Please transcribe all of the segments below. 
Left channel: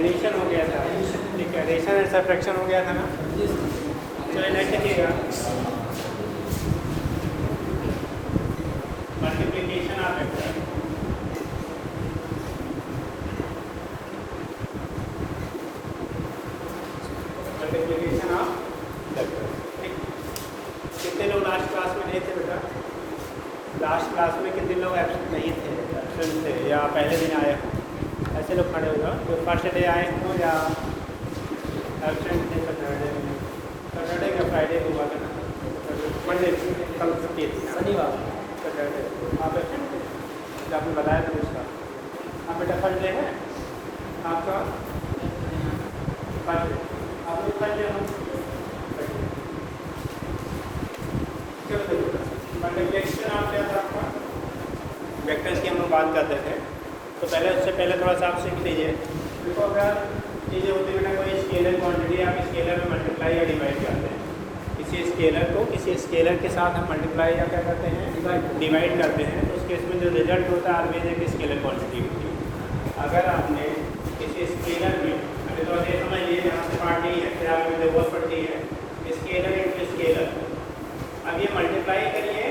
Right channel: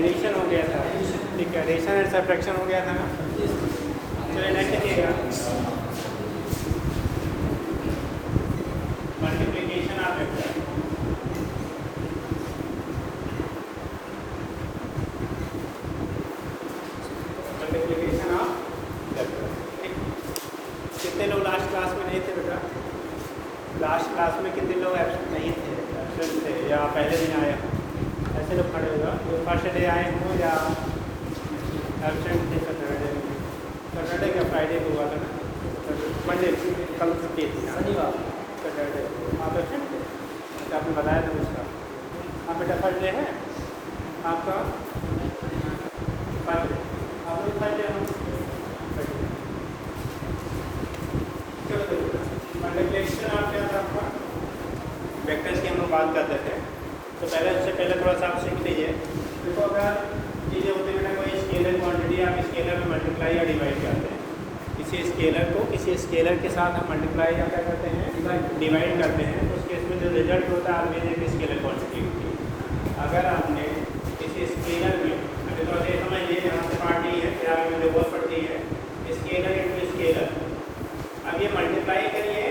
Addition हो गया था, ठीक है, एडिशन एंड सब्ट्रैक्शन हो गया था ना। तो इन्हें लिखिएगा मल्टीप्लिकेशन आप करते हैं, मल्टीप्लिकेशन आप करते हैं। कितने लोग लास्ट क्लास में नहीं थे बेटा? लास्ट क्लास में कितने लोग एब्सेंट नहीं थे, एब्सेंट थे या पहले दिन आए? ऐसे लोग खड़े हुआ जो फर्स्ट डे आए हों या एब्सेंट थे सैटरडे या फ्राइडे को हुआ था, मंडे कल छुट्टी थी, शनिवार सैटरडे आप एब्सेंट थे, आपने बताया था उसका। हाँ बेटा फर्स्ट डे है आपका, फर्स्ट डे आप लोग फर्स्ट डे हो, मल्टीप्लिकेशन आप क्या था आपका, वेक्टर्स की हम लोग बात करते थे। तो इससे पहले थोड़ा सा आप सुन लीजिए। देखो अगर चीज़ें होती है ना, कोई स्केलर क्वांटिटी आप स्केलर में मल्टीप्लाई या डिवाइड करते हैं, किसी स्केलर को किसी स्केलर के साथ हम मल्टीप्लाई या क्या करते हैं, डिवाइड करते हैं, तो उस केस में जो रिजल्ट होता है ऑलवेज एक स्केलर क्वांटिटी होती है। अगर आपने किसी स्केलर में, अभी तो ये समझिए यहाँ से पार्ट नहीं है, फिर आगे जो बहुत पड़ती है स्केलर इंटू स्केलर, अब ये मल्टीप्लाई करिए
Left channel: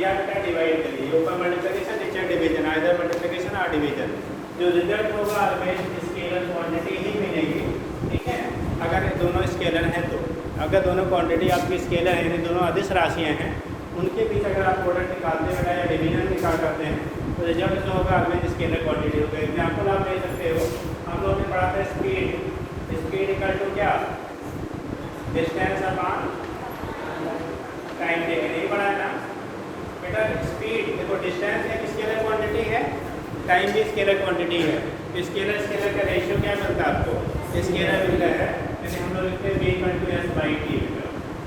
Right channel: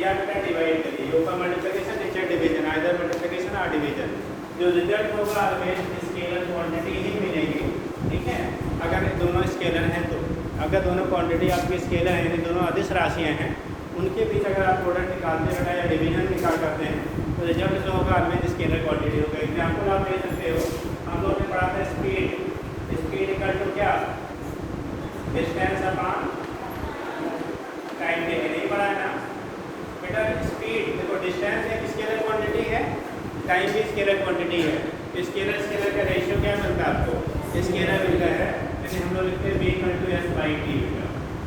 या डिवाइड करिए, ऊपर मल्टीप्लिकेशन नीचे डिवीजन, आइदर मल्टीप्लिकेशन और डिवीजन, जो रिजल्ट होगा ऑलवेज स्केलर क्वांटिटी ही मिलेगी, ठीक है। अगर दोनों स्केलर हैं तो, अगर दोनों क्वांटिटी आपकी स्केलर हैं, दोनों अदिश राशियाँ हैं, उनके बीच अगर आप प्रोडक्ट निकालते हैं या डिवीजन निकाल करते हैं तो रिजल्ट जो होगा ऑलवेज स्केलर क्वांटिटी होगा। एग्जाम्पल आप ले सकते हो, हम लोगों ने पढ़ा था स्पीड, स्पीड इक्वल टू क्या, डिस्टेंस अपॉन टाइम टेकन, नहीं पढ़ा है ना बेटा। स्पीड देखो डिस्टेंस एक स्केलर क्वांटिटी है, टाइम भी स्केलर क्वांटिटी है, तो स्केलर स्केलर का रेशियो क्या मिलता है आपको, स्केलर मिलता है, जैसे हम लोग लिखते हैं v equal to S by T,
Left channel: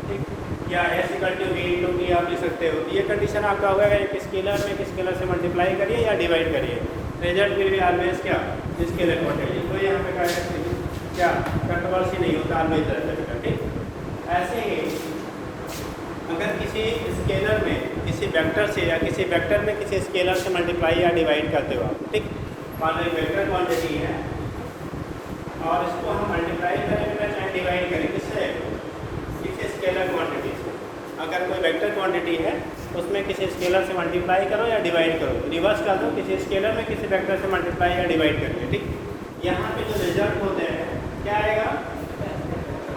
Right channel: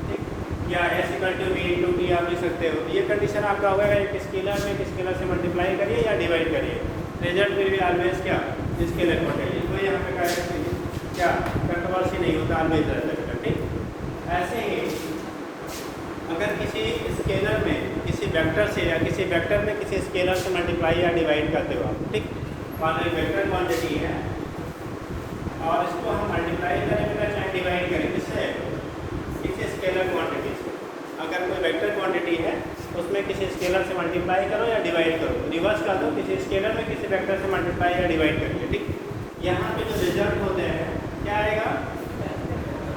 ठीक, या S equal to V into T आप लिख सकते हो। ये कंडीशन आपका होगा एक स्केलर में एक स्केलर से मल्टीप्लाई करिए या डिवाइड करिए, रिजल्ट विल बी ऑलवेज क्या, स्केलर क्वांटिटी। तो यहाँ पे क्या कंट्रोवर्सी नहीं होता, ऑलवेज रहता है, ठीक। ऐसे ही अगर किसी स्केलर में किसी वेक्टर से या किसी वेक्टर में किसी स्केलर से मल्टीप्लाई या डिवाइड करते हो आप, ठीक, मान लो वेक्टर क्वांटिटी है और इसको हम मल्टीप्लाई करेंगे या डिवाइड करेंगे किससे, किसी स्केलर क्वांटिटी से। अगर कोई वेक्टर क्वांटिटी है उसमें किसी स्केलर से मल्टीप्लाई करो या डिवाइड करो, रिवर्स कर दो, किसी स्केलर में किसी वेक्टर से मल्टीप्लाई या डिवाइड करो, ठीक। यहाँ पे जो रिजल्ट होते हैं क्या आएगा,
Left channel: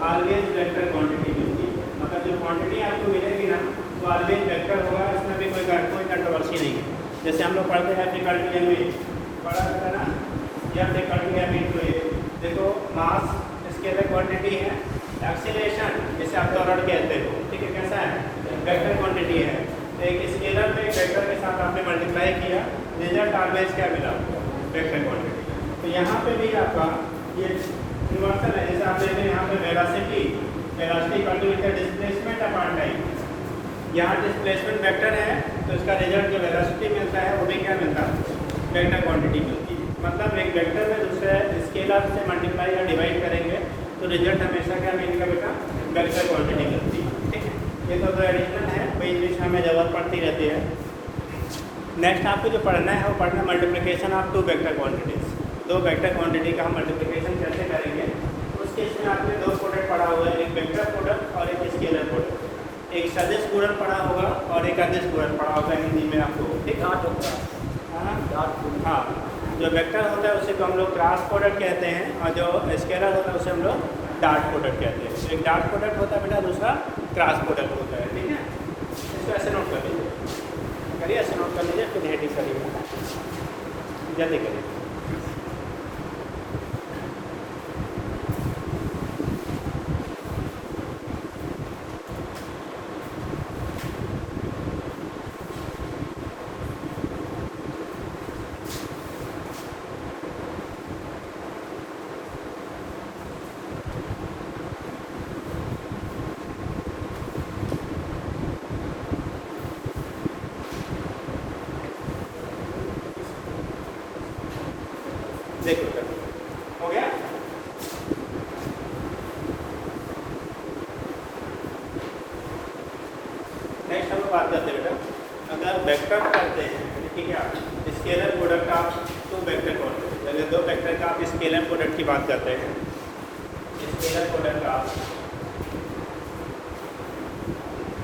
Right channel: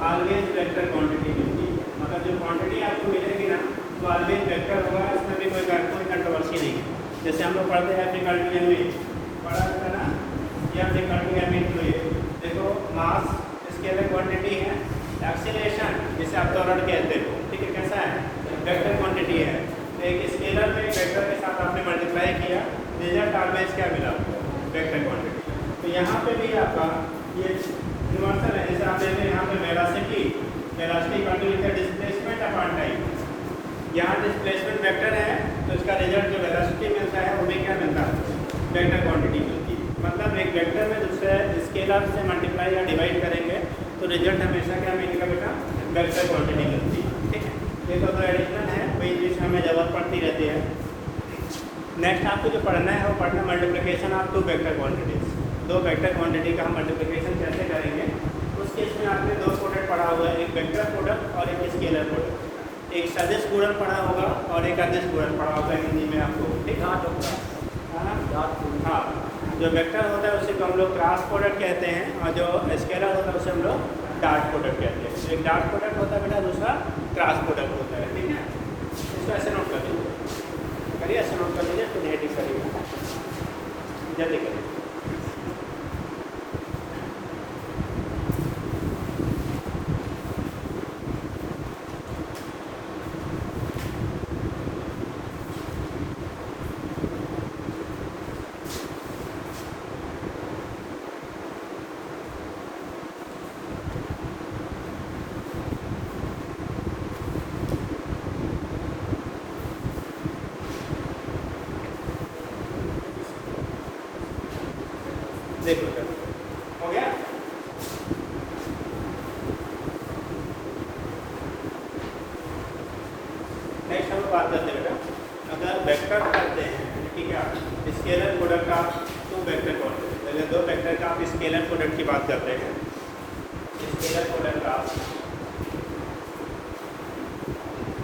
ऑलवेज वेक्टर क्वांटिटी मिलती है, मतलब जो क्वांटिटी आपको मिलेगी ना तो ऑलवेज वेक्टर होगा, इसमें भी कोई कंट्रोवर्सी नहीं है। जैसे हम लोग पढ़ते हैं एप्लीकल पढ़ा था ना, या एप्लीकल देखो मास स्केलर क्वांटिटी है, एक्सीलरेशन जैसे आप त्वरण कहते हो, ठीक है, कैसा है, वेक्टर क्वांटिटी है। तो एक स्केलर में वेक्टर के साथ आपने मल्टीप्लाई किया, रिजल्ट ऑलवेज क्या मिला, वेक्टर क्वांटिटी। तो यहाँ पे भी आपका ये यूनिवर्सल है, जैसे आप देखते हैं यहाँ पे velocity continuity displacement upon time, यहाँ डिस्प्लेसमेंट वेक्टर है तो इसका रिजल्ट जो वेलोसिटी मिलता है वो भी क्या मिलता है, वेक्टर क्वांटिटी मिलती है। मतलब एक वेक्टर में दूसरे स्केलर से मल्टीप्लाई या डिवाइड करेंगे तो रिजल्ट हमेशा क्या मिलेगा बेटा, वेक्टर क्वांटिटी मिलती है, ठीक। ये तो एडिशनल है, कोई चीज़ हमें ज़रूरत पड़ती रहती है। नेक्स्ट आपको जो पढ़ना है वो पढ़ना multiplication of two vector quantities, दो वेक्टर क्वांटिटी का हम मल्टीप्लिकेशन कैसे करेंगे। उसके इसमें आपने दो प्रोडक्ट पढ़ा हुआ है, एक वेक्टर प्रोडक्ट और एक स्केलर प्रोडक्ट, एक सदिश गुणन पढ़ा होगा और एक अदिश गुणन पढ़ा होगा हिंदी में आपको, ठीक है ना। हाँ, जो वेक्टर होता है उसे तो हम लोग क्रॉस प्रोडक्ट कहते हैं और जो स्केलर होता है उसे हम लोग डॉट प्रोडक्ट कहते हैं। एक डॉट प्रोडक्ट होता है बेटा, दूसरा क्रॉस प्रोडक्ट होता है, ठीक है। इसको ऐसे नोट कर लीजिए, करिए ऐसे नोट कर लीजिए, तो नेगेटिव करिए, जल्दी करिए। देखो हो गया। नेक्स्ट हम बात करते हैं अगर वेक्टर करते हैं, ठीक है, scalar product of two vector quantity, हैं, दो वेक्टर का आप स्केलर प्रोडक्ट की बात करते हैं। स्केलर प्रोडक्ट का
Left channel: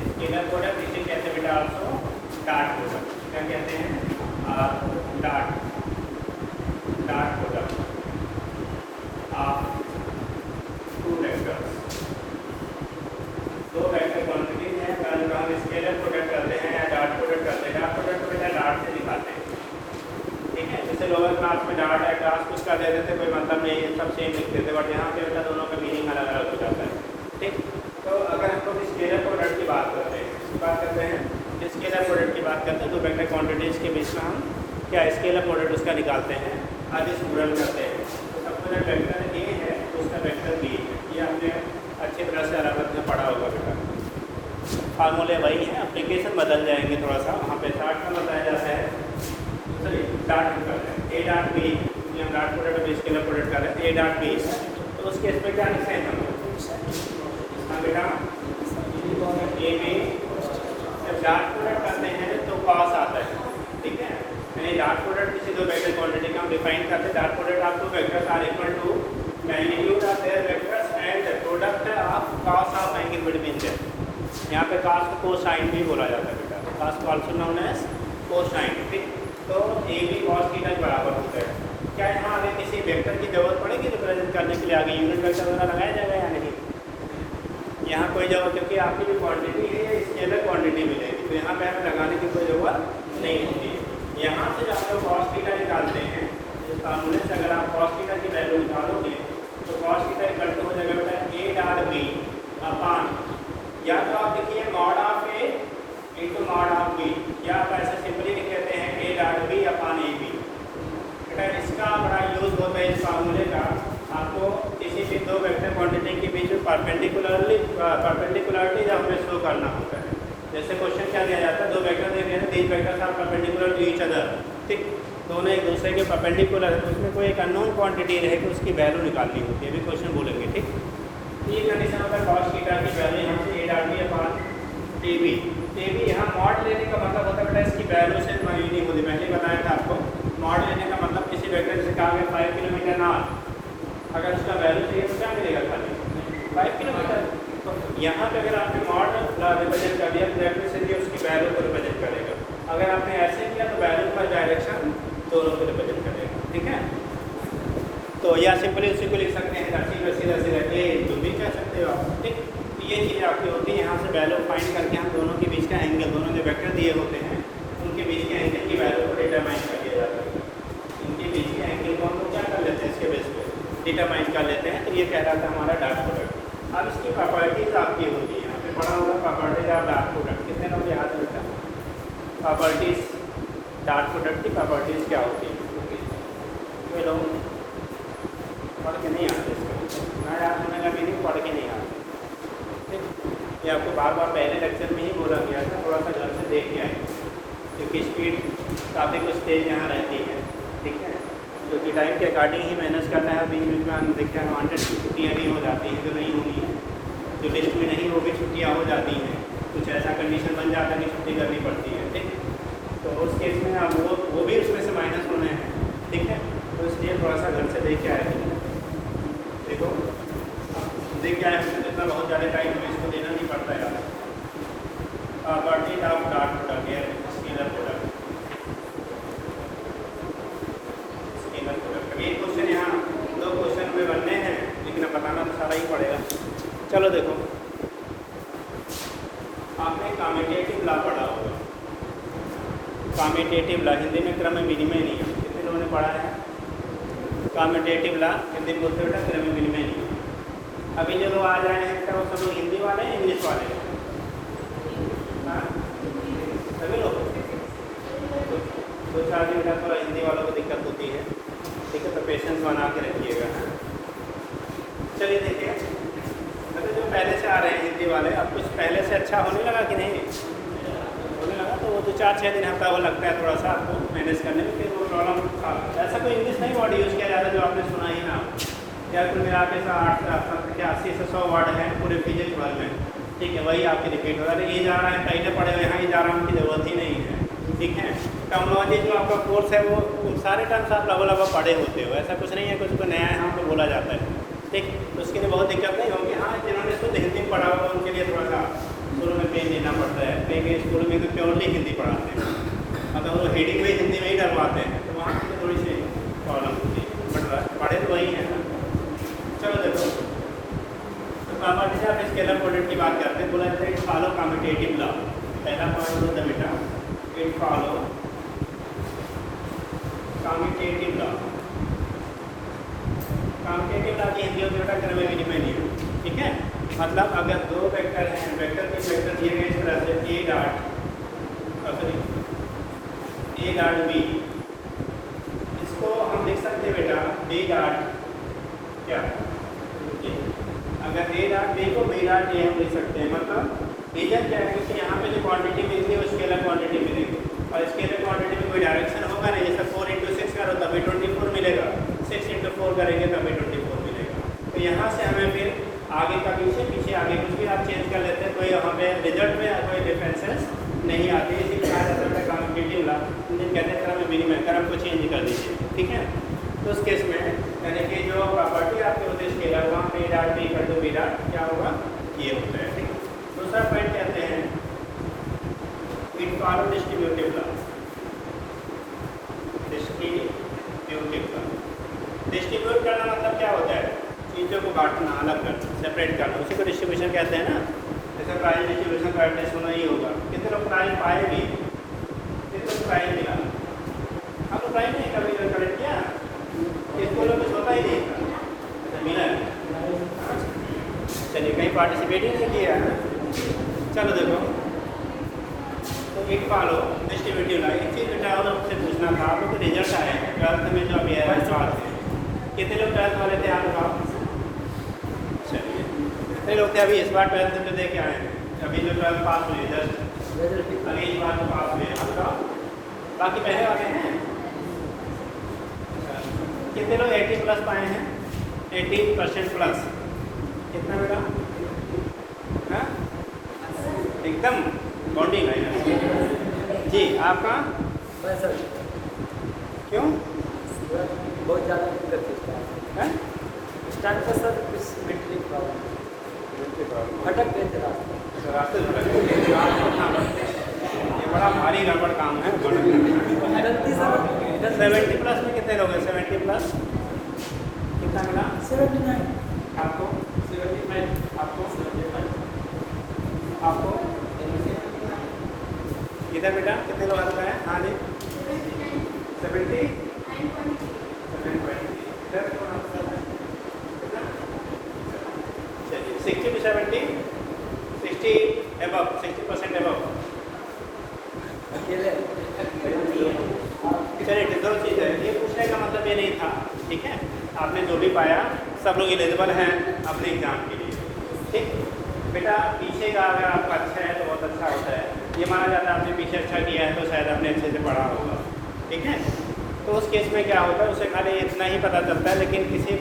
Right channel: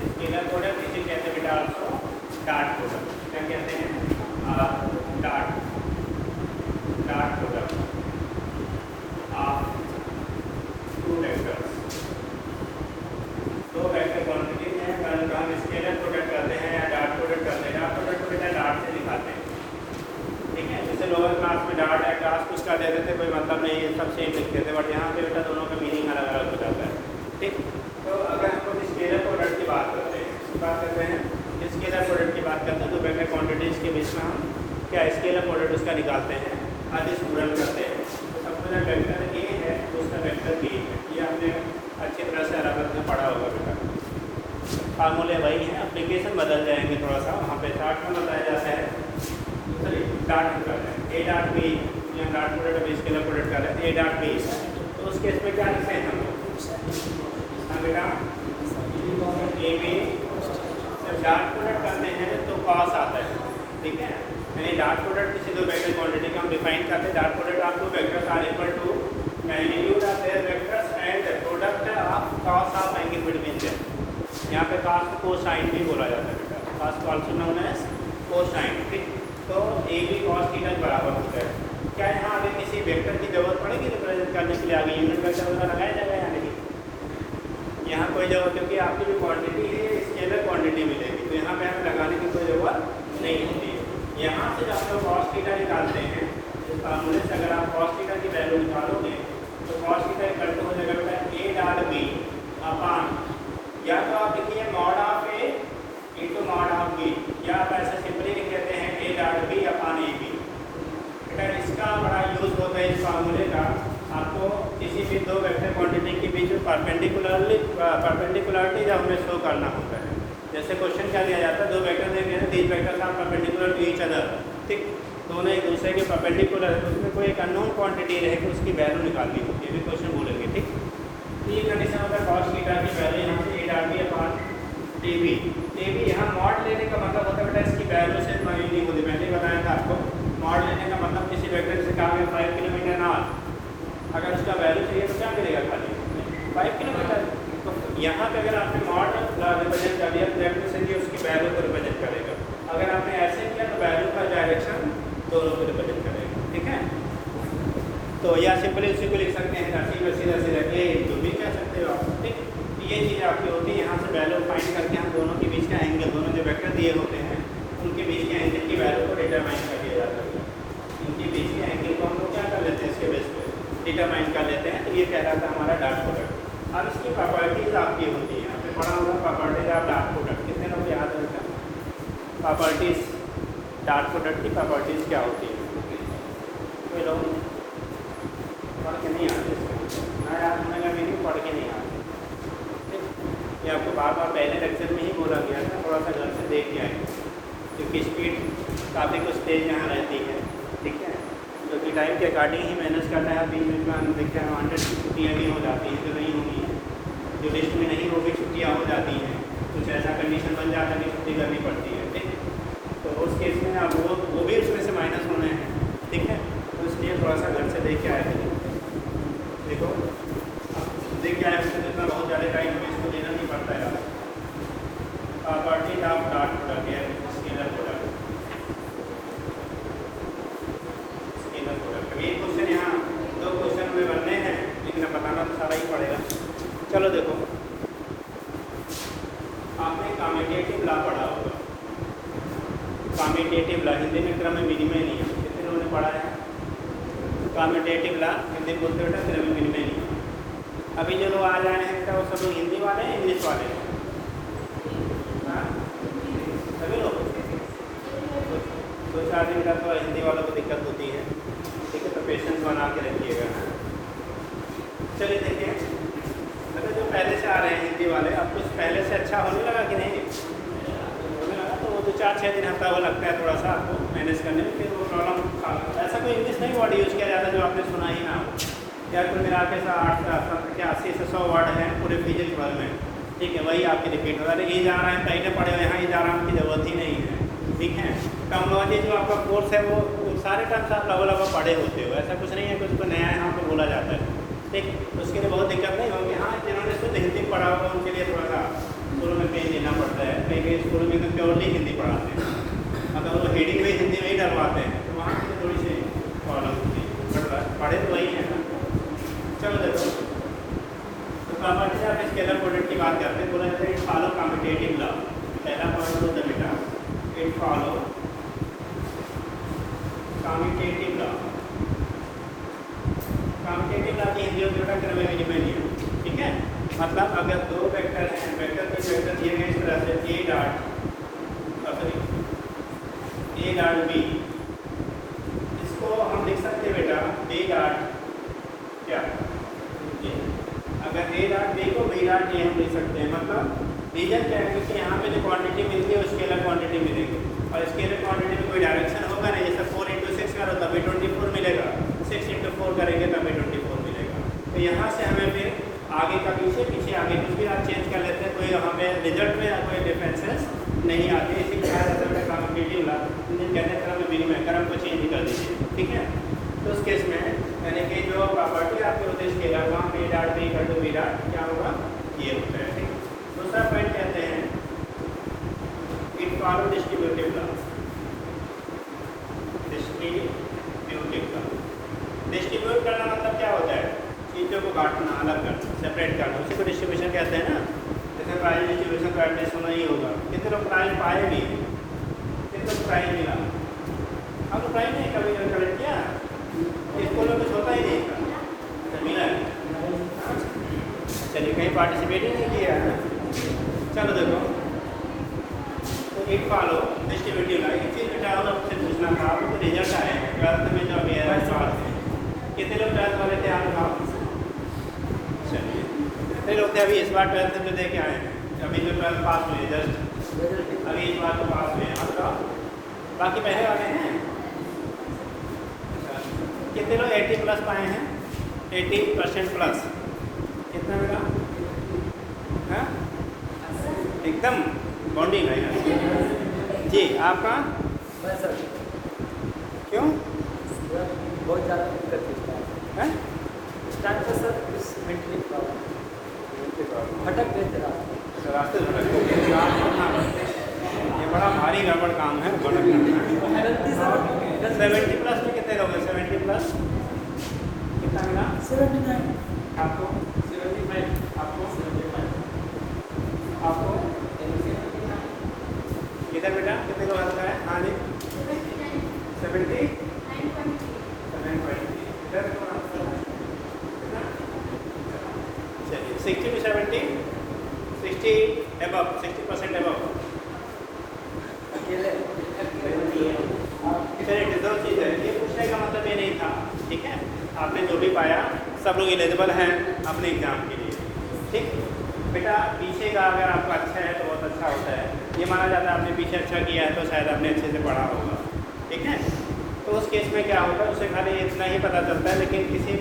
स्केलर प्रोडक्ट इसी कहते हैं बेटा आपको डाट प्रोडक्ट। क्या कहते हैं? Dot product of two vectors. दो वेक्टर क्वांटिटीज हैं, उनका हम स्केलर प्रोडक्ट करते हैं या डाट प्रोडक्ट करते हैं। डाट प्रोडक्ट को बेटा डाट से दिखाते हैं, ठीक है। जैसे लोअर क्लास में डाट है, क्लास कुछ का दे देते कोई मतलब नहीं, ये सब सेम लिखते थे, बट यहाँ पे बेटा दोनों का मीनिंग अलग अलग हो जाता है, ठीक। तो अगर हम लोग स्केलर प्रोडक्ट की बात करते हैं, स्केलर प्रोडक्ट की बात करते हैं, तो वेक्टर क्वांटिटीज के बीच में हम क्या स्केलर प्रोडक्ट उसका निकालते हैं, आदेश गुणन करते हैं। तो सबसे पहले वेक्टर ए है तो उसका वेक्टर बी है, ये आपने अच्छे तरह से अलग अलग पढ़ा होगा बेटा। फार्मूले वही है, एप्लीकेशन बदल जाएंगे थोड़ा सा, वहाँ पे डाट का बताया जाता है। चलिए डाट निकालते हैं, ए डाट बी या dot product B scalar product का ए डाट बी, तो उसके इस पर क्या लिखते हैं हम हाँ बेटा ए बी। जब डाट प्रोडक्ट करते हैं तो कॉस आता है, ठीक है। यानी डाट प्रोडक्ट किसी दो वेक्टर क्वांटिटी का हम डिफाइन करते हैं। डाट प्रोडक्ट आप दो vectors are equal to magnitude of their vectors and product of cos of angle between them. यहाँ पे कॉस को साइन भी बोला जाता है बेटा, कॉस को आल्सो नोन एज कोसाइन, ठीक। तो ए बी कॉस थीटा के बराबर होता है। क्या यहाँ आगे किसी वेक्टर की जरूरत पड़ेगी रिप्रेजेंट करने के लिए? आगे यूनिट वेक्टर वगैरह लगाया जाएगा या नहीं? यहाँ कोई जरूरत है कि आपकी जो क्वांटिटी है स्केलर क्वांटिटी मिलेगी, तो यहाँ पे हमें लगाने की कोई जरूरत नहीं होती है। यहाँ से आप लोग कॉस थीटा निकालते हैं, इस फार्मूले से अगर आप कॉस थीटा की वैल्यू निकालोगे तो कॉस थीटा इक्वल टू हो जाएगा बेटा ए डाट बी अपान, या तो आप लिखिए mod of A into mod of B, या आप ऐसे सिंपली लिख देते हैं A dot B upon A B. बेटा इसका बड़ा यूज होता है इस फार्मूले का, आपको किसी भी दो वेक्टर क्वांटिटी के बीच में परपेंडिकुलरली जब हमें शो करना होता है। जैसे क्वेश्चन क्या दिया जाता है, दो वेक्टर दिए गए हैं, तीन vectors are perpendicular to each other, ठीक। दोनों एक दूसरे के परपेंडिकुलर है, तो उसमें कोई एक अननोन क्वांटिटी रहे तो उसकी वैल्यू निकालनी होती है, भी क्वेश्चन बोलेंगे, ठीक। ये कंडीशन होता है कॉस थीटा की वैल्यू यहाँ से A dot B upon A B. यहाँ मॉड लेने का मतलब होता है बेटा इसकी वैल्यू से माइनस नहीं होती। मैंने बताया था आपको, मॉड लेने का मतलब किसी वेक्टर से कहा 5 किलोमीटर ना, अगर इसका वैल्यू चाहिए तो क्या करेगा? 5 किलोमीटर। यहाँ पे अगर आपने मॉड रिप्रेजेंट कर दिया तो वेक्टर से उसकी वैल्यू को रिप्रेजेंट करेगा। अगर आपने ऐसे किया तो वैल्यू का डायरेक्शन दोनों को रिप्रेजेंट करेगा, ठीक है। तो या सिंपली उसी को लिख सकते हैं राशि में सीधा सीधा ए जो भी कह सकते हो आप, ठीक। ये चीज़ आपकी होगी, यहाँ से वैल्यू फाइंड करके हम दोनों के बीच का एंगल, दोनों जो वेक्टर दिए होते हैं उनके बीच के एंगल की वैल्यू को डिटरमाइन कर दिया जाता है। उनके बीच के एंगल को हम लोग क्या कर लेते हैं, इसके बेस पर डिटरमाइन कर लेते हैं। तो ये कहलाता है हमारा डाट प्रोडक्ट। अब इसकी प्रॉपर्टीज आपकी होती है, आपने पढ़ा होगा प्रॉपर्टीज ऑफ डाट प्रोडक्ट, कितने लोग याद रखा? प्रॉपर्टीज डाट प्रोडक्ट की प्रॉपर्टीज क्या होती है? कोई लोग पढ़ के नहीं आते, मैं याद रखने का मीनिंग पढ़ के नहीं आते, ठीक। ये आपको बार बार पहले लेक्चर में ही बोला गया था, थोड़ा सा घर से देख के आए, क्योंकि स्पीड काफ़ी कुछ तेज यहाँ रहती है, ठीक है। जो कि टाइम के अकॉर्डिंग ही मैनेज करना है। बीच में हम देखते हैं 100 की छुट्टियाँ भी हो जाती हैं, तो नहीं होती है, जो लिस्ट में नहीं होगी छुट्टियाँ हो जाती हैं, कुछ ऐसा कंडीशन बन जाता है कि छुट्टी करनी पड़ती है, ठीक। तो उस केस में आप वो भी उसमें से माइनस होने हैं, ठीक है। तो इसलिए थोड़ा सा घर से देख के आए थे, देखो देख के आए उसमें जितना बहुत ज़्यादा टाइम इसको देना नहीं पड़ता है। प्रॉपर्टीज ऑफ डाट प्रोडक्ट है स्केलर प्रोडक्ट। ये क्वेश्चन यहाँ दो क्वेश्चन में बनने हैं, लेकिन बताना तो सारा ही पड़ेगा। चलो देखो, आपने कम्यूटेटिव लॉ पढ़ा होगा, कम्यूटेटिव लॉ हिंदी में क्रम विनिमय नहीं, कितने लोगों ने पढ़ा है? कम्यूटेटिव लॉ हिंदी में बोलते बेटा क्रम विनिमय नहीं। अभी जो लोग आ रहे हैं बेटा वो सब लोग हिंदी वाले हैं, इंग्लिश वाले हैं? सभी लोग दो चार दिन का तो हिंदी वालों को दिक्कत होती है, ठीक है। तो पेशेंस बना के रखिएगा। चलिए देखिए, मतलब जो पहले से आ रहे हैं हिंदी वाले, अब कुछ पहले से अच्छा होने लगा कि नहीं? होने लगा तो वो 2-4-6 दिन हफ्ता वो लगता है थोड़ा सा आपको मैनेज करने में, फिर वो प्रॉब्लम ऐसा कोई इंग्लिश नहीं वर्ड यूज़ किया जाता जो आपने सुना ही ना। या फिर मेरा आपके साथ 80 से 100 वर्ड है पूरे फिजिक्स वर्ड में, ठीक है, वही आपके रिपीट हो रहा है। ये जा रहा है पहले पढ़े हुए हैं, ये जा रहा है, की जरूरत ही नहीं है, ठीक है। टर्मोलॉजी जो आपका कोर्स है वो सारे टर्म्स आप लगभग पढ़े होते हो, ऐसा कुछ नहीं है कुछ को नया यहाँ पर बोला जाता है। ठीक, उसके लिए बहुत दिक्कत नहीं होगी। हाँ, जिन्होंने इसको हिंदी पढ़ा होगा उनके लिए थोड़ा सा शुरू में पेज देना पड़ता है, कहीं स्कूल में तो प्योरली हिंदी पढ़ाते हैं, अगर वो रीडिंग भी हिंदी में ही डलवाते हैं तो वहाँ की थोड़ी सी प्रॉब्लम होती है, पढ़े तो वही है। चलो देखो, तो कॉमर्स से आप स्केलर प्रोडक्ट की बात करते हैं, बोला जाता है कि फॉलो कम्यूटेटिव लॉ। पहला पॉइंट होता है बेटा कि follow commutative law. Commutative law की हिंदी में बेटा करने के लिए नहीं, ठीक है। मतलब अगर दो वेक्टर हैं, वेक्टर के वेक्टर दिए गए इस तरह से ए डॉट बी, इसको हम लिख सकते हैं बेटा बी डॉट क्या, अगर ए डॉट बी को बी डॉट ए हम लिख सकते हैं। मतलब रीजन क्या है कि यहाँ पे जो क्वांटिटी मिलती है वो स्केलर क्वांटिटी मिलेगी, और स्केलर क्वांटिटी में कोई डायरेक्शन होगा नहीं। जैसे 4 × 6 करो तभी 24 मिलेगा, 6 × 4 करेंगे तभी 24 मिलेगा। तो यहाँ से हमें फिर आगे का पीछे पीछे आगे कुछ भी आप चेंज कर लेते हैं, कोई हमें रिजल्ट में कोई डिफरेंसेस नहीं आती। इसी कहा जा सकता है कम्यूटेटिव लॉ, कहने तरह में बिन में क्रम को चेंज कर दीजिए, ठीक है। तो उस केस में यानी कि जो प्रॉपर्टी आपके होती है स्केलर, वहाँ B dot B equal to B dot क्या होगा, ये होता है। दूसरा पॉइंट कहते हैं फॉलो डिस्ट्रीब्यूटिव लॉ। डिस्ट्रीब्यूट करना मतलब क्या होता है, चीज़ों को बांटना, अलग करना, सेपरेट करना, उसी को डिस्ट्रीब्यूशन कहते हैं ना। जैसे प्राइज डिस्ट्रीब्यूशन करते हैं, सुना ही होगा, कितने लोग प्राइज पाएंगे, कितने लोग प्राइज मिला, हमको प्राइज नहीं कभी करेक्ट किया, किसको लोग कुछ होता ही नहीं था, मिला चलिए कहीं पार्टिसिपेट ही नहीं किया। चलो देखो, तो एक फॉलो डिस्ट्रीब्यूटिव लॉ, एक चीज़ बेटा और आपसे पूछना था, आपको रिजल्ट आए 12th में जो अभी है सवाल से, कितने लोग 12th वाले थे आप? चलिए कितने लोग थे अभी इस बार 12th में दे के आए हैं? अभी जो 12th पास हुए जस्ट अभी इस बार तो पास हुए हैं, बाकी पहले वाले हैं कितने लोग 80 प्लस पाए हैं? 80% प्लस, कितना मेरा हाँ एकदम बॉडी है जी। आपका क्यों बहुत ज़्यादा दिक्कत है स्टार्ट का सर, इस मेंटली प्रॉब्लम भटक गए थे रास्ते बड़ा भारी रबड़ काम है। 70 प्लस में कितने लोग हैं? 70 प्लस कितना मिला? 79 आपको 75, आपको 75, आपको इधर बेटा कितने लोग आता है? हाँ जी 70, चलिए 60 to 70, 60 above, 60% above। चलिए दो चीज़ है, ये पूछने का मतलब ये नहीं था, ठीक है। आपने जो भी पाया सब लोग एलिजिबल हैं अपने एग्जाम के लिए, ठीक। बेटा पीछे का अगर आपका अच्छा है तो बहुत अच्छा होता है, ये माना जाता है आपने पीछे अच्छा किया है तो शायद आपने अच्छे से पढ़ा होगा, ठीक है। तो उस केस में क्या होगा, उसे खाली इतना ही पता चलता है, लेकिन किसी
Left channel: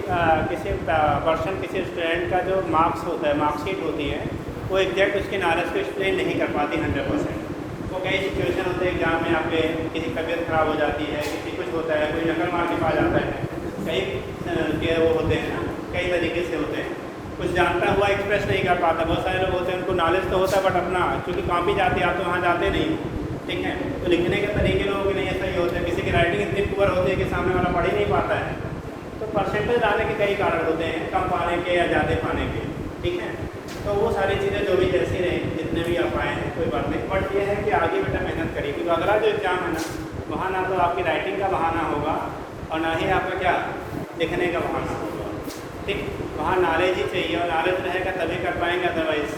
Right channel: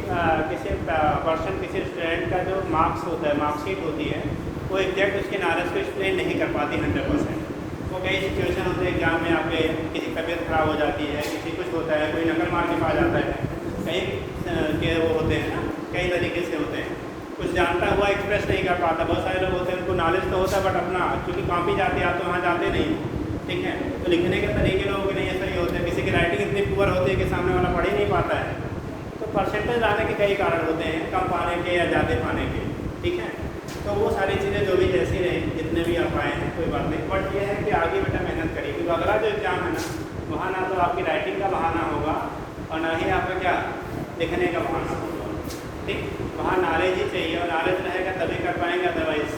पर्सन किसी स्टूडेंट का जो मार्क्स होता है, मार्कशीट होती है, वो एग्जैक्ट उसके नॉलेज को एक्सप्लेन नहीं कर पाती 100%। तो कई सिचुएशन होते हैं एग्जाम में आप किसी तबीयत खराब हो जाती है, किसी कुछ होता है, कोई नकल मार के पा जाता है, कई के वो होते हैं ना, कई तरीके से होते हैं, कुछ जानता हुआ एक्सप्रेस नहीं कर पाता। बहुत सारे लोग होते हैं उनको नॉलेज तो होता है बट अपना क्योंकि कॉपी जाती है, आप तो वहाँ जाते नहीं, ठीक है। तो लिखने के तरीके लोगों के नहीं ऐसा ही होता है, किसी की राइटिंग इतनी पुअर होती है कि सामने वाला पढ़ ही नहीं पाता है। तो परसेंटेज आने के कई कारण होते हैं, कम पाने के या ज़्यादा पाने के, ठीक है। तो वो सारी चीज़ें जो भी जैसी हैं, जितने भी आप आए हैं कोई बात नहीं, बट ये है कि आगे बेटा मेहनत करिए, क्योंकि अगला जो एग्जाम है ना, वहाँ ना तो आपकी राइटिंग का बहाना होगा और ना ही आपका क्या लिखने का बहाना होगा, ठीक। वहाँ नॉलेज ही चाहिए, और नॉलेज रहेगा तभी कर पाएंगे, अदरवाइज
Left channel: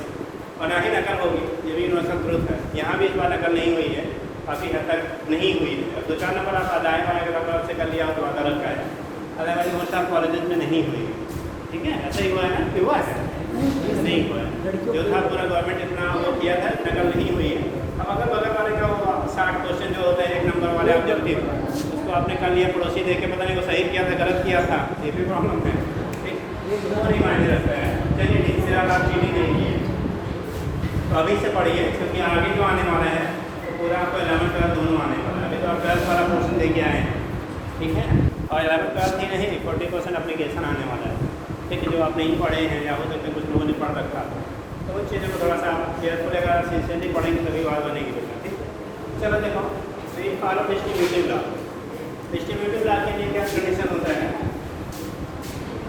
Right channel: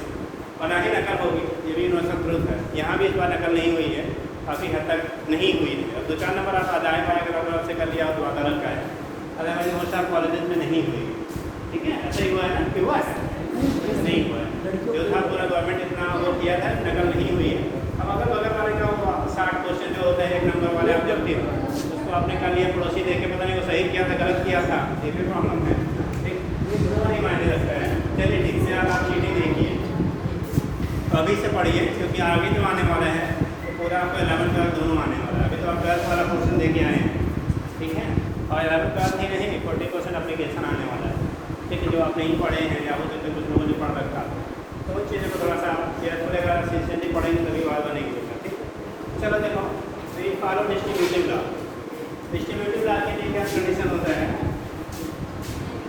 और ना ही नकल होगी, ये भी यूनिवर्सल ट्रुथ है। यहाँ भी इस बार नकल नहीं हुई है, काफ़ी हद तक नहीं हुई है। 2-4 नंबर आप आधार कार्ड के बाद से कर लिया तो बात अलग का है, अदरवाइज बहुत सारे कॉलेज में नहीं हुई, ठीक है। ऐसा ही हुआ है ना कि हुआ है नहीं हुआ है, जो था पूरा गवर्नमेंट इतना वो किया था, नकल नहीं हुई है। अब अगर बगल वाले का 60 क्वेश्चन जो होता है 1 नंबर वाले ऑब्जेक्टिव, उसको आपने कर लिया, पड़ोसी देख के पता नहीं वो सही किया था गलत किया था, ये भी प्रॉब्लम है, नहीं मायने रखता है। चलिए ठीक से आप चीज़ देखिए, तो अभी से पढ़िए, क्योंकि आगे जो आने वाला है तो पूरा आपको 11 12 दोनों आने वाला है। तो तो आप 10 वाला पोर्शन दे के आए हैं, ठीक है। और यहाँ पे 12 ही नहीं 40% एप्लीकेशन आने वाला है, ठीक है, जो आप नहीं पढ़े हैं या हो सकते कुछ लोगों ने पढ़ रखा है, तो उन चीज़ों को थोड़ा सा केयरफुल अगर सीरियसली पढ़ेंगे तो भी और बनेगी, ठीक है। चलो देखो, तो ये follow distributive law. Distributive law के लिए क्या कंडीशन होता है,